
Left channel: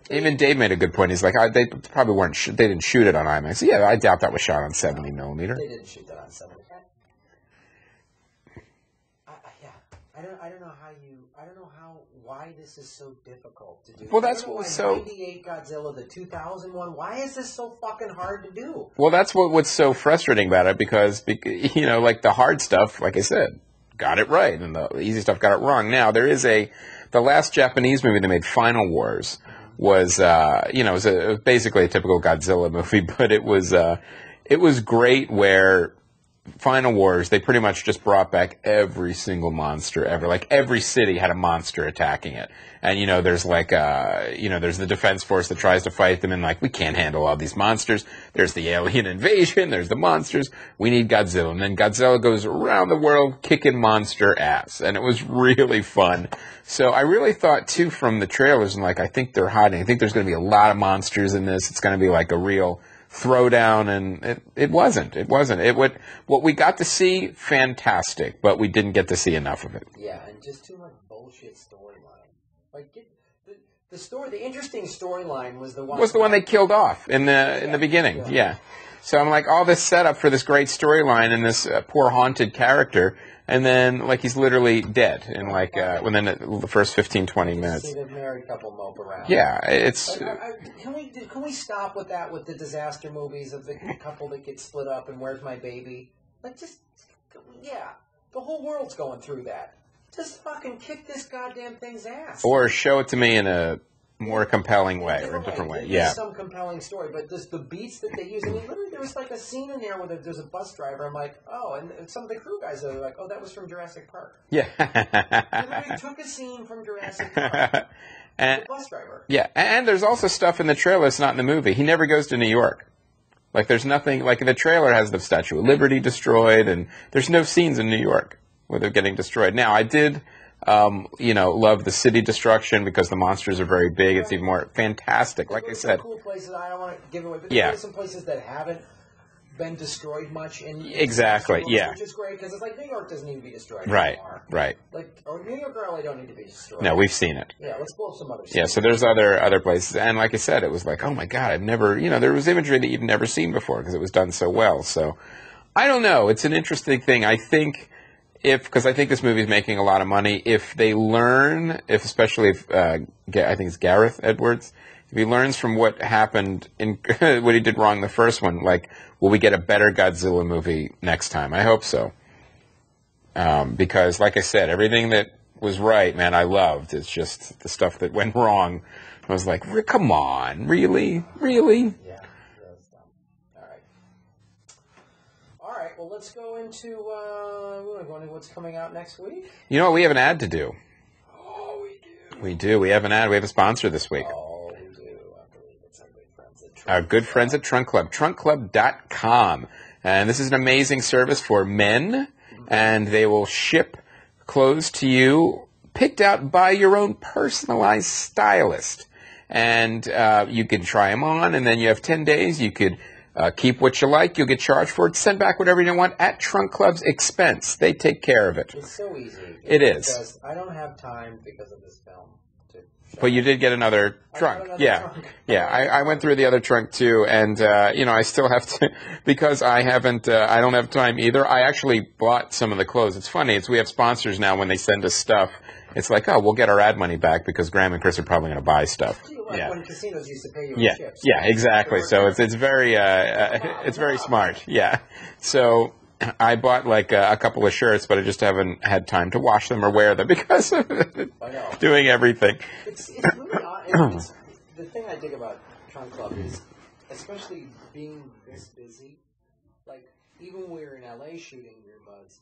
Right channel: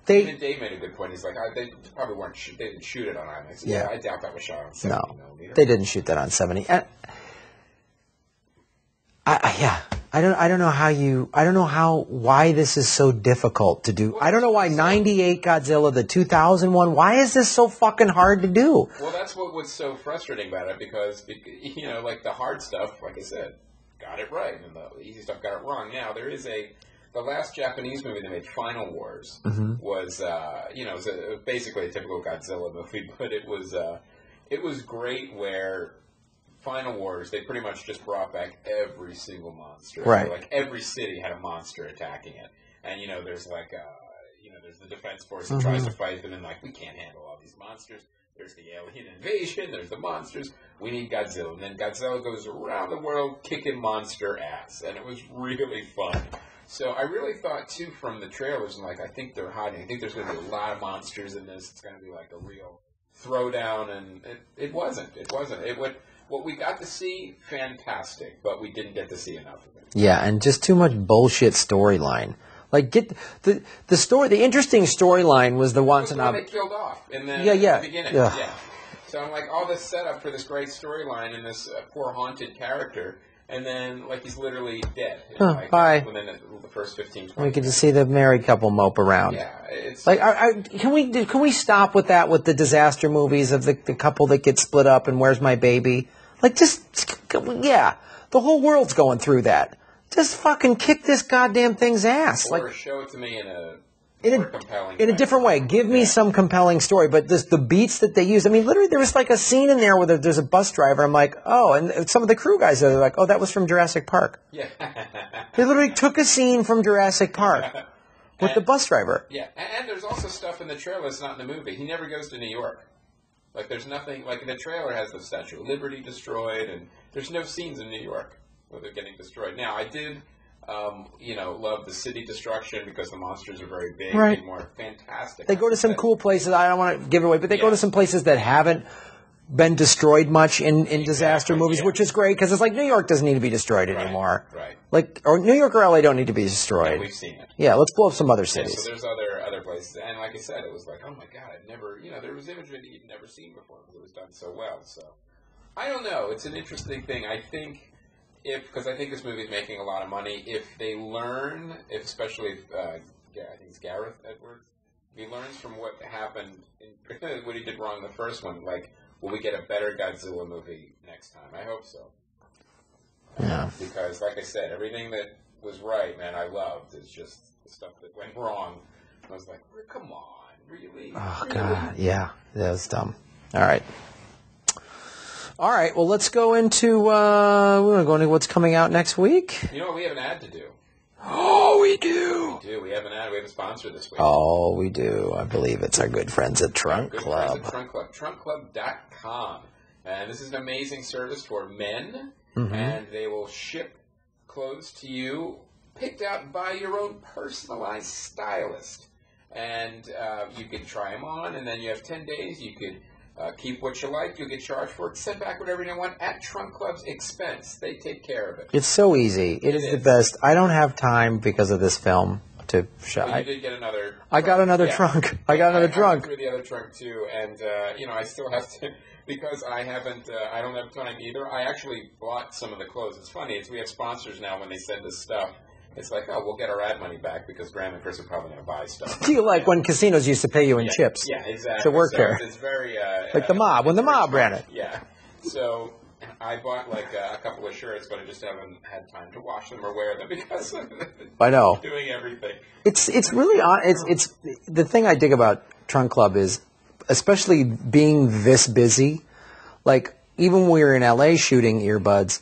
Even Dave made a good point. He's like, they probably weren't. They didn't shoot it on IMAX. Yeah, I doubt that was shot on 70 millimeter. They didn't shoot that on 70. I don't know why this is so difficult to do. Well, I don't know why 98 Godzilla, the 2001, why is this so fucking hard to do? Well, that's what's so frustrating about it because like the hard stuff, like I said, got it right, and the easy stuff got it wrong. Now, there is the last Japanese movie they made, Final Wars, was, it was basically a typical Godzilla movie, but it was great where Final Wars, they pretty much just brought back every single monster ever. Like, every city had a monster attacking it. And, there's like, there's the defense force that tries to fight them, and like, we can't handle all these monsters. There's the alien invasion, there's the monsters. We need Godzilla. And then Godzilla goes around the world kicking monster ass. And it was really fun. So I really thought, too, from the trailers, and like, I think they're hiding. I think there's going to be a lot of monsters in this. It's going to be like a real throwdown, and it wasn't. What we got to see, fantastic, but we didn't get to see enough of it. Yeah, and just too much bullshit storyline. Like, get the story. The interesting storyline was the one. Was the one they killed off in the beginning? Yeah. So I'm like, all this setup for this great storyline and this poor haunted character, and then like he's literally dead in within the first 15, 20 You can minutes. just see the married couple mope around. Yeah, it's like can we stop with that with the disaster movies of the couple that gets split up and where's my baby? Like the whole world's going through that. Just fucking kick this goddamn thing's ass. Or show it to me in a more compelling way. In a different way. Give me some compelling story. But the beats that they use, I mean, literally there was like a scene in there where there's a bus driver. I'm like, oh, and some of the crew guys are like, oh, that was from Jurassic Park. Yeah. They literally took a scene from Jurassic Park with the bus driver. Yeah, and there's also stuff in the trailer that's not in the movie. He never goes to New York. Like, there's nothing, like the trailer has the Statue of Liberty destroyed, and there's no scenes in New York where they're getting destroyed. Now, I did, love the city destruction because the monsters are very big. Right. It's even more fantastic. They go to some cool places. I don't want to give it away, but they go to some places that haven't been destroyed much in disaster movies, which is great because it's like New York doesn't need to be destroyed anymore. Right. Like, or New York or LA don't need to be destroyed. No, we've seen it. Yeah, let's blow up some other cities. Yeah, so there's other places. And like I said, it was like, oh my God, I've never, there was imagery that you've never seen before because it was done so well. So I don't know. It's an interesting thing. I think because I think this movie is making a lot of money, if they learn, especially if I think it's Gareth Edwards, if he learns from what happened in what he did wrong in the first one, like, will we get a better Godzilla movie next time? I hope so. Because, like I said, everything that was right, man, I loved. It's just the stuff that went wrong. I was like, come on, really? Oh, really? God. Yeah, that was dumb. All right. Well, let's go into we're going to go into what's coming out next week. You know what? We have an ad to do. Oh, we do. We do. We have an ad. We have a sponsor this week. Oh, we do. I believe it's our good friends at Trunk Club. Our good friends at Trunk Club. TrunkClub.com. And this is an amazing service for men, and they will ship clothes to you picked out by your own personalized stylist. And you can try them on, and then you have 10 days. You could keep what you like. You'll get charged for it. Send back whatever you want at Trunk Club's expense. They take care of it. It's so easy. It's the best. I don't have time because of this film to shop. But you did get another trunk. I got another trunk. I went through the other trunk too, and I still have to because I haven't. I don't have time either. I actually bought some of the clothes. It's funny. We have sponsors now when they send us stuff. It's like, oh, we'll get our ad money back because Graham and Chris are probably going to buy stuff. Do you like when casinos used to pay you in chips? Yeah, exactly. So it's very like the mob when the mob smart. ran it. Yeah. So I bought like a couple of shirts, but I just haven't had time to wash them or wear them because of I know doing everything. It's really it's the thing I dig about Trunk Club is especially being this busy. Like even when we were in LA shooting Earbuds,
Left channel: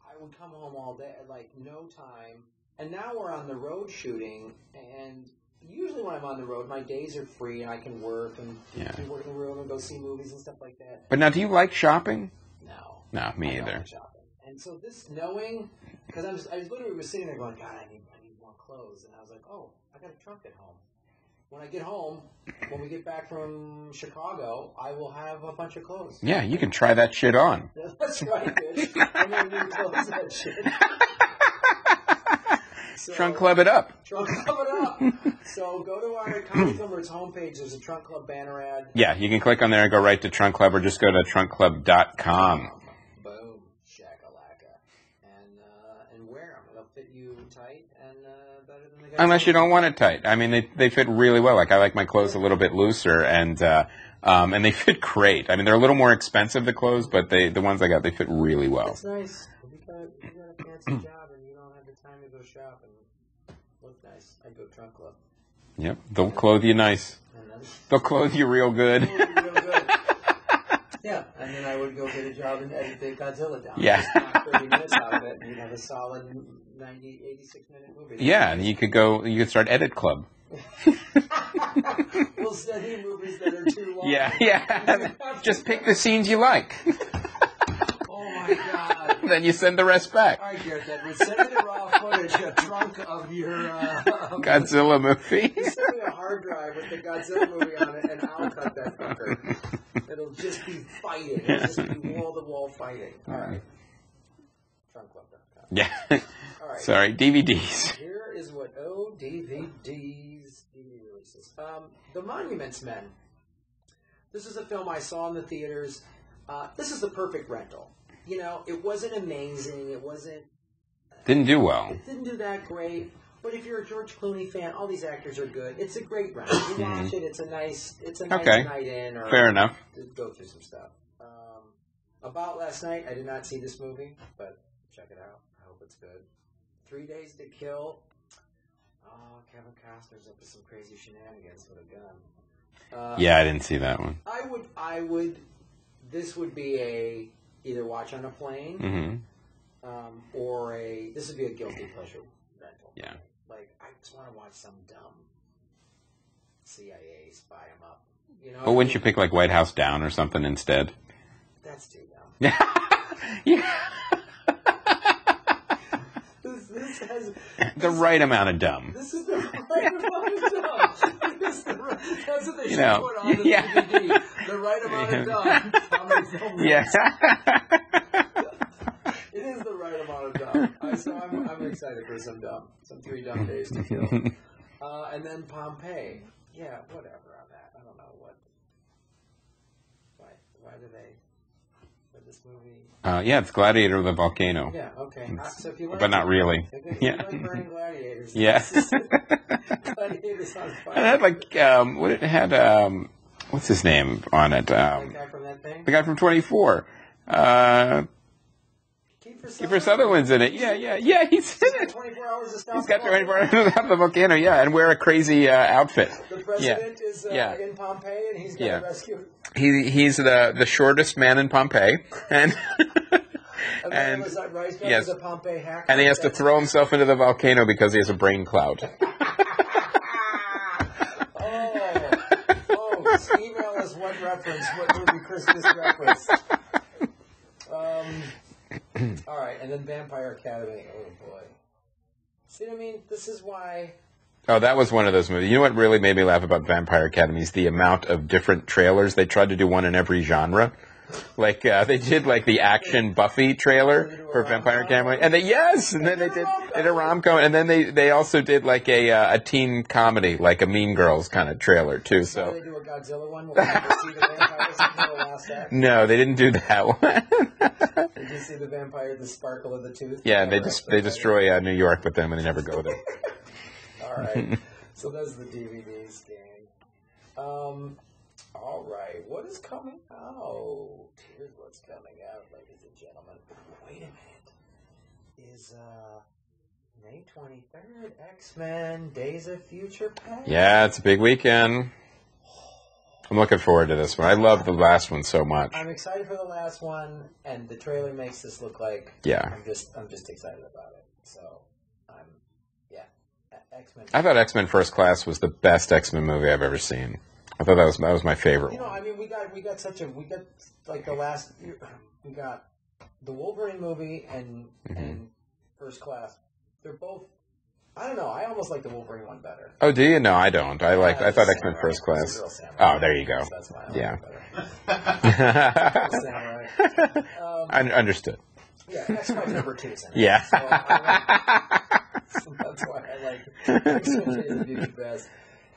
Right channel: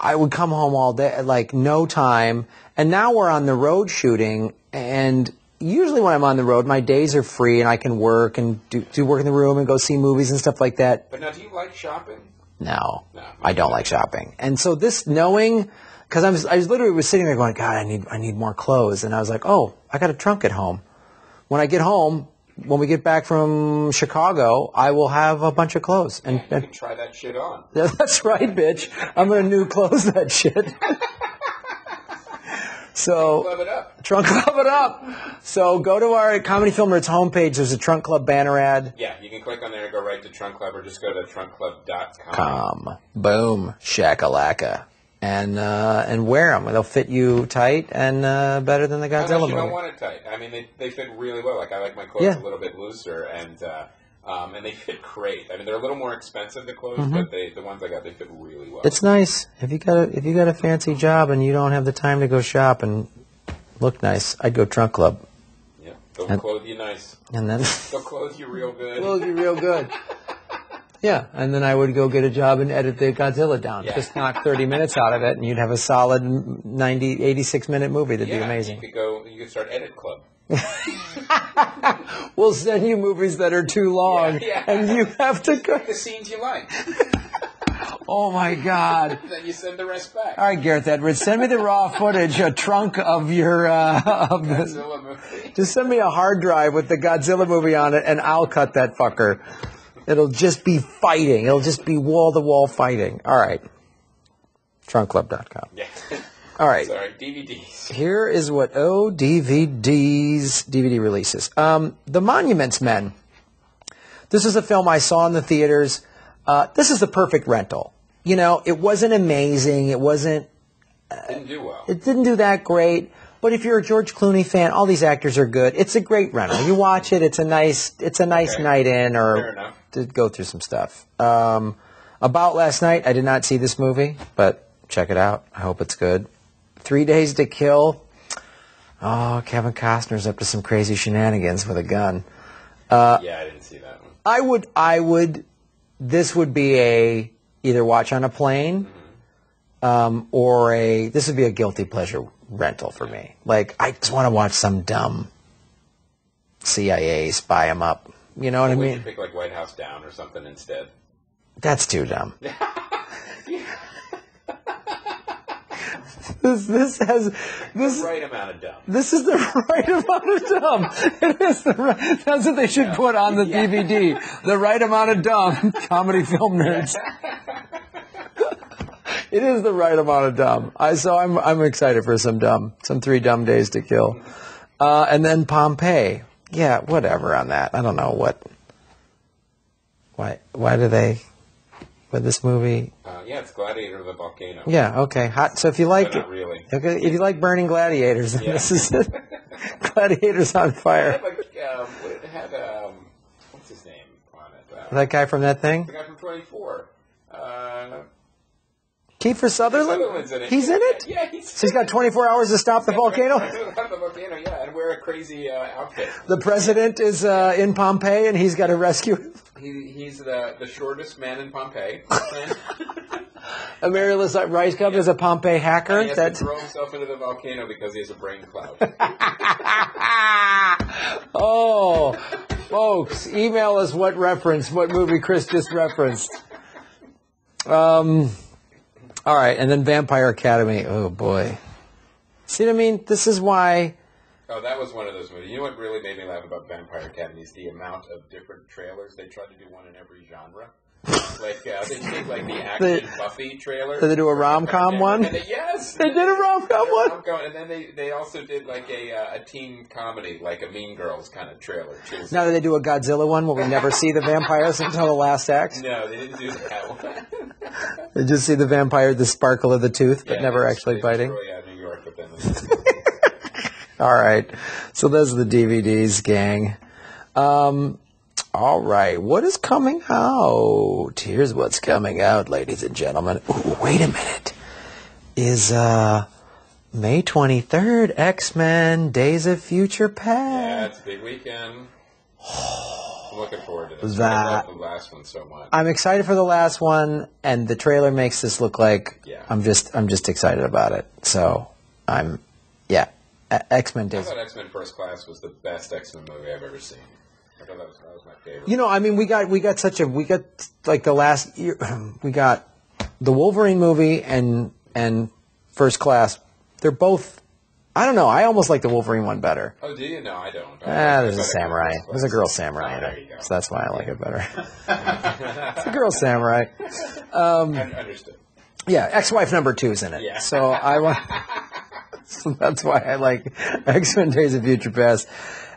I would come home all day, like no time. And now we're on the road shooting, and usually when I'm on the road, my days are free and I can work and do work in the room and go see movies and stuff like that. But now, do you like shopping? No, me I don't like shopping. And so this knowing, because I was literally sitting there going, God, I need more clothes. And I was like, oh, I got a trunk at home. When I get home, when we get back from Chicago, I will have a bunch of clothes. Yeah, you can try that shit on. Yeah, that's right, bitch. I'm going to new clothes that shit. So, Trunk Club it up. Trunk Club it up. So go to our Comedy Film Nerds homepage. There's a Trunk Club banner ad. Yeah, you can click on there and go right to Trunk Club, or just go to trunkclub.com. Boom. Shakalaka. And wear them. They'll fit you tight and better than the Godzilla Unless you don't movie. want it tight. I mean, they fit really well. Like I like my clothes a little bit looser, and they fit great. I mean, they're a little more expensive, the clothes, but the ones I got, they fit really well. It's nice if you got a fancy job and you don't have the time to go shop and look nice. I'd go Trunk Club. Yep, they'll clothe you nice, and then they'll clothe you real good. Clothe you real good. Yeah, and then I would go get a job and edit the Godzilla down. Yeah. Just knock 30 minutes out of it, and you'd have a solid 86-minute movie. That'd be amazing. You could start Edit Club. We'll send you movies that are too long, and you have to just pick the scenes you like. Oh my God! Then you send the rest back. All right, Gareth Edwards, send me the raw footage, a trunk of your Godzilla movie. Just send me a hard drive with the Godzilla movie on it, and I'll cut that fucker. It'll just be fighting. It'll just be wall-to-wall fighting. All right. TrunkClub.com. Yeah. All right. Sorry, DVDs. Here is what DVDs, DVD releases. The Monuments Men. This is a film I saw in the theaters. This is the perfect rental. you know, it wasn't amazing. It wasn't. Didn't do well. It didn't do that great. But if you're a George Clooney fan, all these actors are good. It's a great rental. You watch it. It's a nice night in, or fair enough, to go through some stuff. About Last Night, I did not see this movie, but check it out. I hope it's good. 3 Days to Kill. Oh, Kevin Costner's up to some crazy shenanigans with a gun. Yeah, I didn't see that one. I would. This would be a either watch on a plane, or this would be a guilty pleasure rental for me. Like, I just want to watch some dumb CIA spy him up. You know what I mean? Wouldn't you pick like White House Down or something instead? That's too dumb. This has the right amount of dumb. This is the right amount of dumb. That's what they should put on the DVD. The right amount of dumb. Comedy film nerds. It is the right amount of dumb. So I'm excited for some 3 dumb days to kill. And then Pompeii. Yeah, whatever on that. I don't know what. Why do they? With this movie? Yeah, it's Gladiator of the Volcano. Yeah, okay. Hot. So if you like, but not really. Okay, if you like burning gladiators, this is Gladiators on Fire. It had what's his name on it? That guy from that thing. The guy from 24. Kiefer Sutherland. Kiefer Sutherland's in it. He's in it. Yeah, he's got 24 hours to stop the volcano. The volcano, yeah, and wear a crazy outfit. The president is in Pompeii, and he's got to rescue him. He's the shortest man in Pompeii, and Emeritus Rice Cup is a Pompeii hacker, and he has to throw himself into the volcano because he has a brain cloud. Oh, folks, email us what movie Chris just referenced. All right, and then Vampire Academy. Oh boy, see what I mean? This is why. Oh, that was one of those movies. You know what really made me laugh about Vampire Academy is the amount of different trailers. They tried to do one in every genre. Like, they did, like, the action Buffy trailer. Did they do a rom-com one? And they did a rom-com. And then they also did, like, a teen comedy, like a Mean Girls kind of trailer, too. So. Now, did they do a Godzilla one where we never see the vampires until the last act? No, they didn't do that one. They just see the vampire, the sparkle of the tooth, but never actually fighting. They destroy New York with them, and they never go with it. All right. So those are the DVDs, gang. All right. What is coming out? Here's what's coming out, ladies and gentlemen. Ooh, wait a minute. Is May 23rd, X-Men, Days of Future Past. Yeah, it's a big weekend. I'm looking forward to this one. I love the last one so much. I'm excited for the last one, and the trailer makes this look like I'm just excited about it. So X-Men. I thought X-Men First Class was the best X-Men movie I've ever seen. I thought that was my favorite. You know, I mean, we got like the last year, we got the Wolverine movie and First Class. They're both. I don't know. I almost like the Wolverine one better. Oh, do you? No, I don't. I thought samurai. First Class. It was a girl samurai. Oh, there you go. So that's why I like it better. It's a girl samurai. I understood. Yeah, ex-wife number 2 is in it. Yeah. So so that's why I like X-Men Days of Future Past.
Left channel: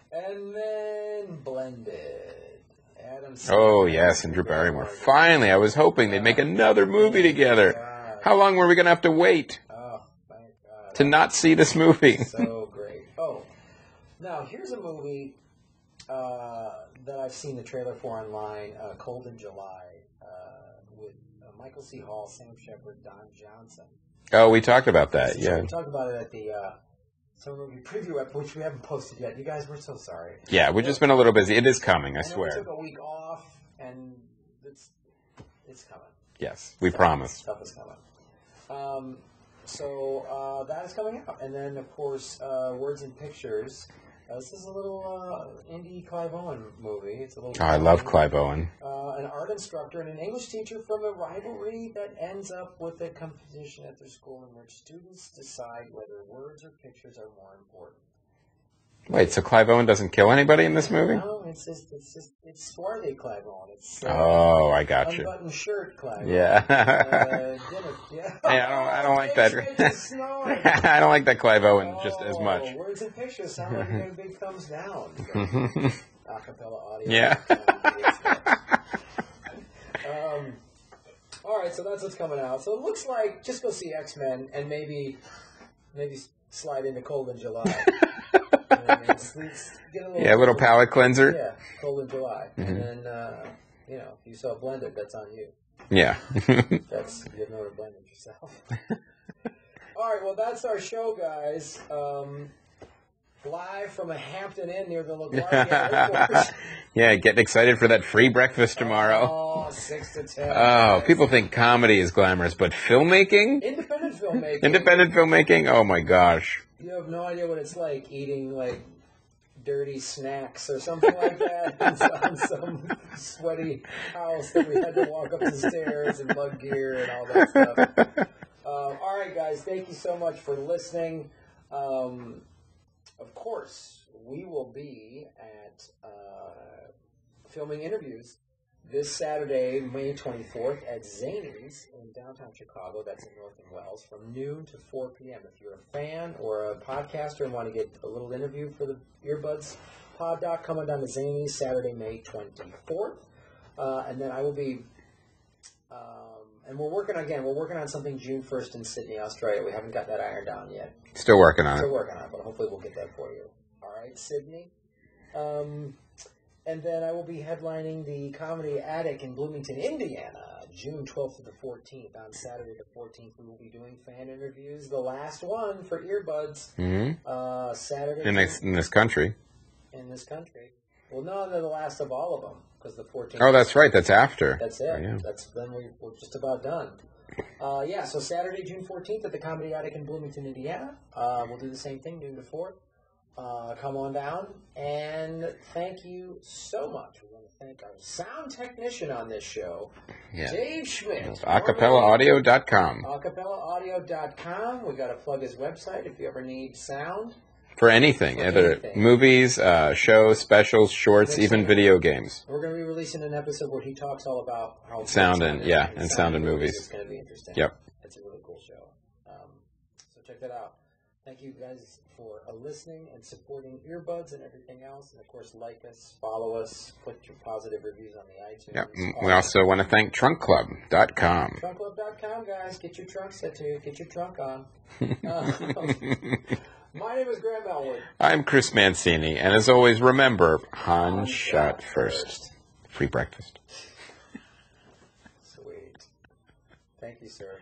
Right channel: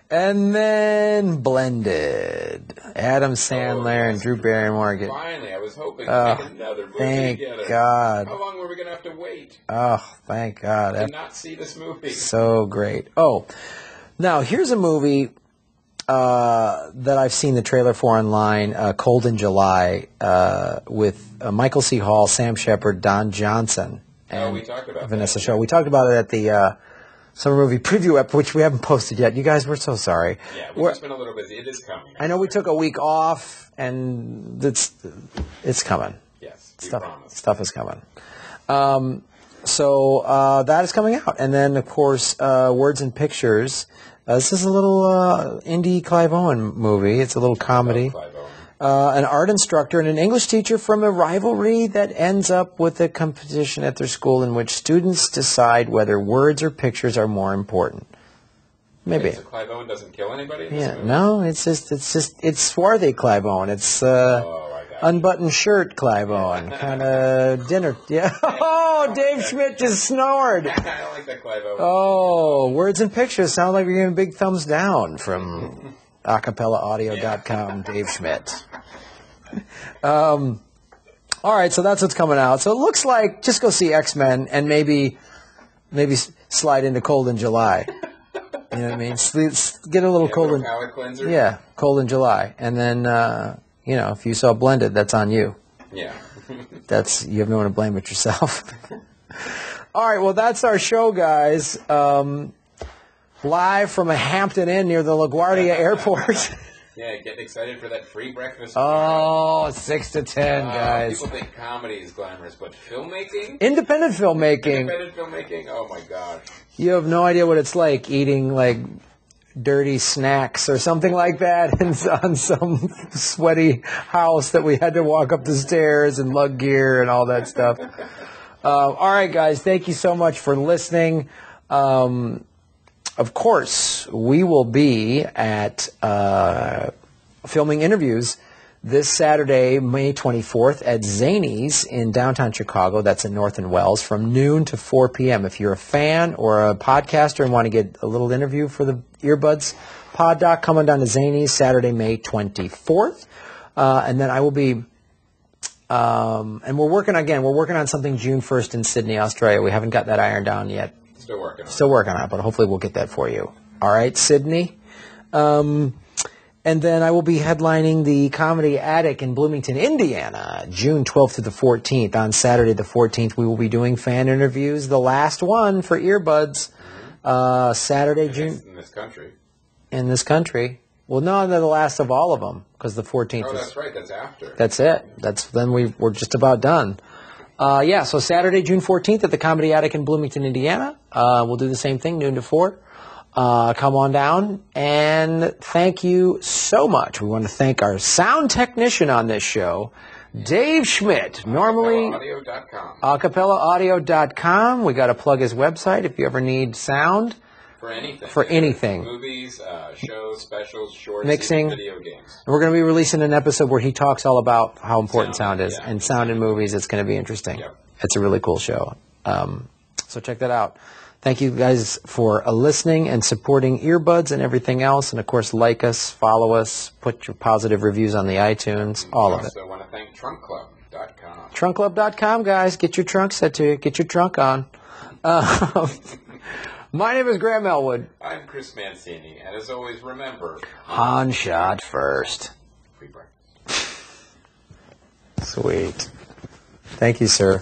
And then Blended. Adam Sandler and Drew Barrymore. Finally, I was hoping they'd make another movie together. God. How long were we going to have to wait? Oh, thank God. To not see this movie. So great. Oh, now here's a movie that I've seen the trailer for online, Cold in July, with Michael C. Hall, Sam Shepard, Don Johnson. Oh, we talked about Vanessa that. Show. Yeah. We talked about it at the summer movie preview app, which we haven't posted yet. You guys, we're so sorry. Yeah, we've just been a little busy. It is coming. I know we took a week off, and it's coming. Yes, we promise. Stuff is coming. So that is coming out, and then of course, Words and Pictures. This is a little indie Clive Owen movie. It's a little comedy. I love Clive Owen. An art instructor and an English teacher from a rivalry that ends up with a competition at their school in which students decide whether words or pictures are more important. Maybe. Wait, so Clive Owen doesn't kill anybody in this movie? No, it's swarthy Clive Owen. It's I got you. Unbuttoned shirt Clive Owen. Dinner. Yeah. Oh, Dave like Schmidt just snored. I don't like that Clive Owen just as much. Words and Pictures sound like you're giving a big thumbs down from acapellaaudio.com, Dave Schmidt. All right, so that's what's coming out. So it looks like just go see X-Men and maybe slide into Cold in July. You know what I mean? Get a little palate cleanser. Yeah, Cold in July. And then, if you saw Blended, that's on you. Yeah. You have no one to blame but yourself. All right, well, that's our show, guys. Live from a Hampton Inn near the LaGuardia Airport. Yeah, getting excited for that free breakfast tomorrow. Oh, 6 to 10, guys. People think comedy is glamorous, but filmmaking? Independent filmmaking. Oh, my gosh. You have no idea what it's like eating, like, dirty snacks or something like that on some sweaty house that we had to walk up the stairs and lug gear and all that stuff. All right, guys, thank you so much for listening. Of course, we will be at filming interviews this Saturday, May 24th, at Zanies in downtown Chicago. That's in North and Wells from noon to 4 p.m. If you're a fan or a podcaster and want to get a little interview for the Earbuds Pod Doc, come on down to Zanies Saturday, May 24th. And then I will be, and we're working on something June 1st in Sydney, Australia. We haven't got that ironed down yet. Still working on it, but hopefully we'll get that for you. All right, Sydney. And then I will be headlining the Comedy Attic in Bloomington, Indiana, June 12th to the 14th. On Saturday the 14th, we will be doing fan interviews, the last one for Earbuds. Mm-hmm. Saturday, in this country. In this country. Well, no, they're the last of all of them, because the 14th. Oh, that's right. That's after. That's it. Yeah. Then we're just about done. So Saturday, June 14th at the Comedy Attic in Bloomington, Indiana. We'll do the same thing, noon to 4. Come on down, and thank you so much. We want to thank our sound technician on this show, Dave Schmidt. AcapellaAudio.com. AcapellaAudio.com. We got to plug his website if you ever need sound. For anything. Anything. Movies, shows, specials, shorts, mixing. Even video games. And we're going to be releasing an episode where he talks all about how important sound is. And sound in movies. It's going to be interesting. Yep. It's a really cool show. So check that out. Thank you guys for listening and supporting Earbuds and everything else. And, of course, like us, follow us, put your positive reviews on the iTunes. We also want to thank TrunkClub.com. TrunkClub.com, guys. Get your trunk set to you. Get your trunk on. My name is Graham Elwood. I'm Chris Mancini. And as always, remember, Han shot first. Free breakfast. Sweet. Thank you, sir.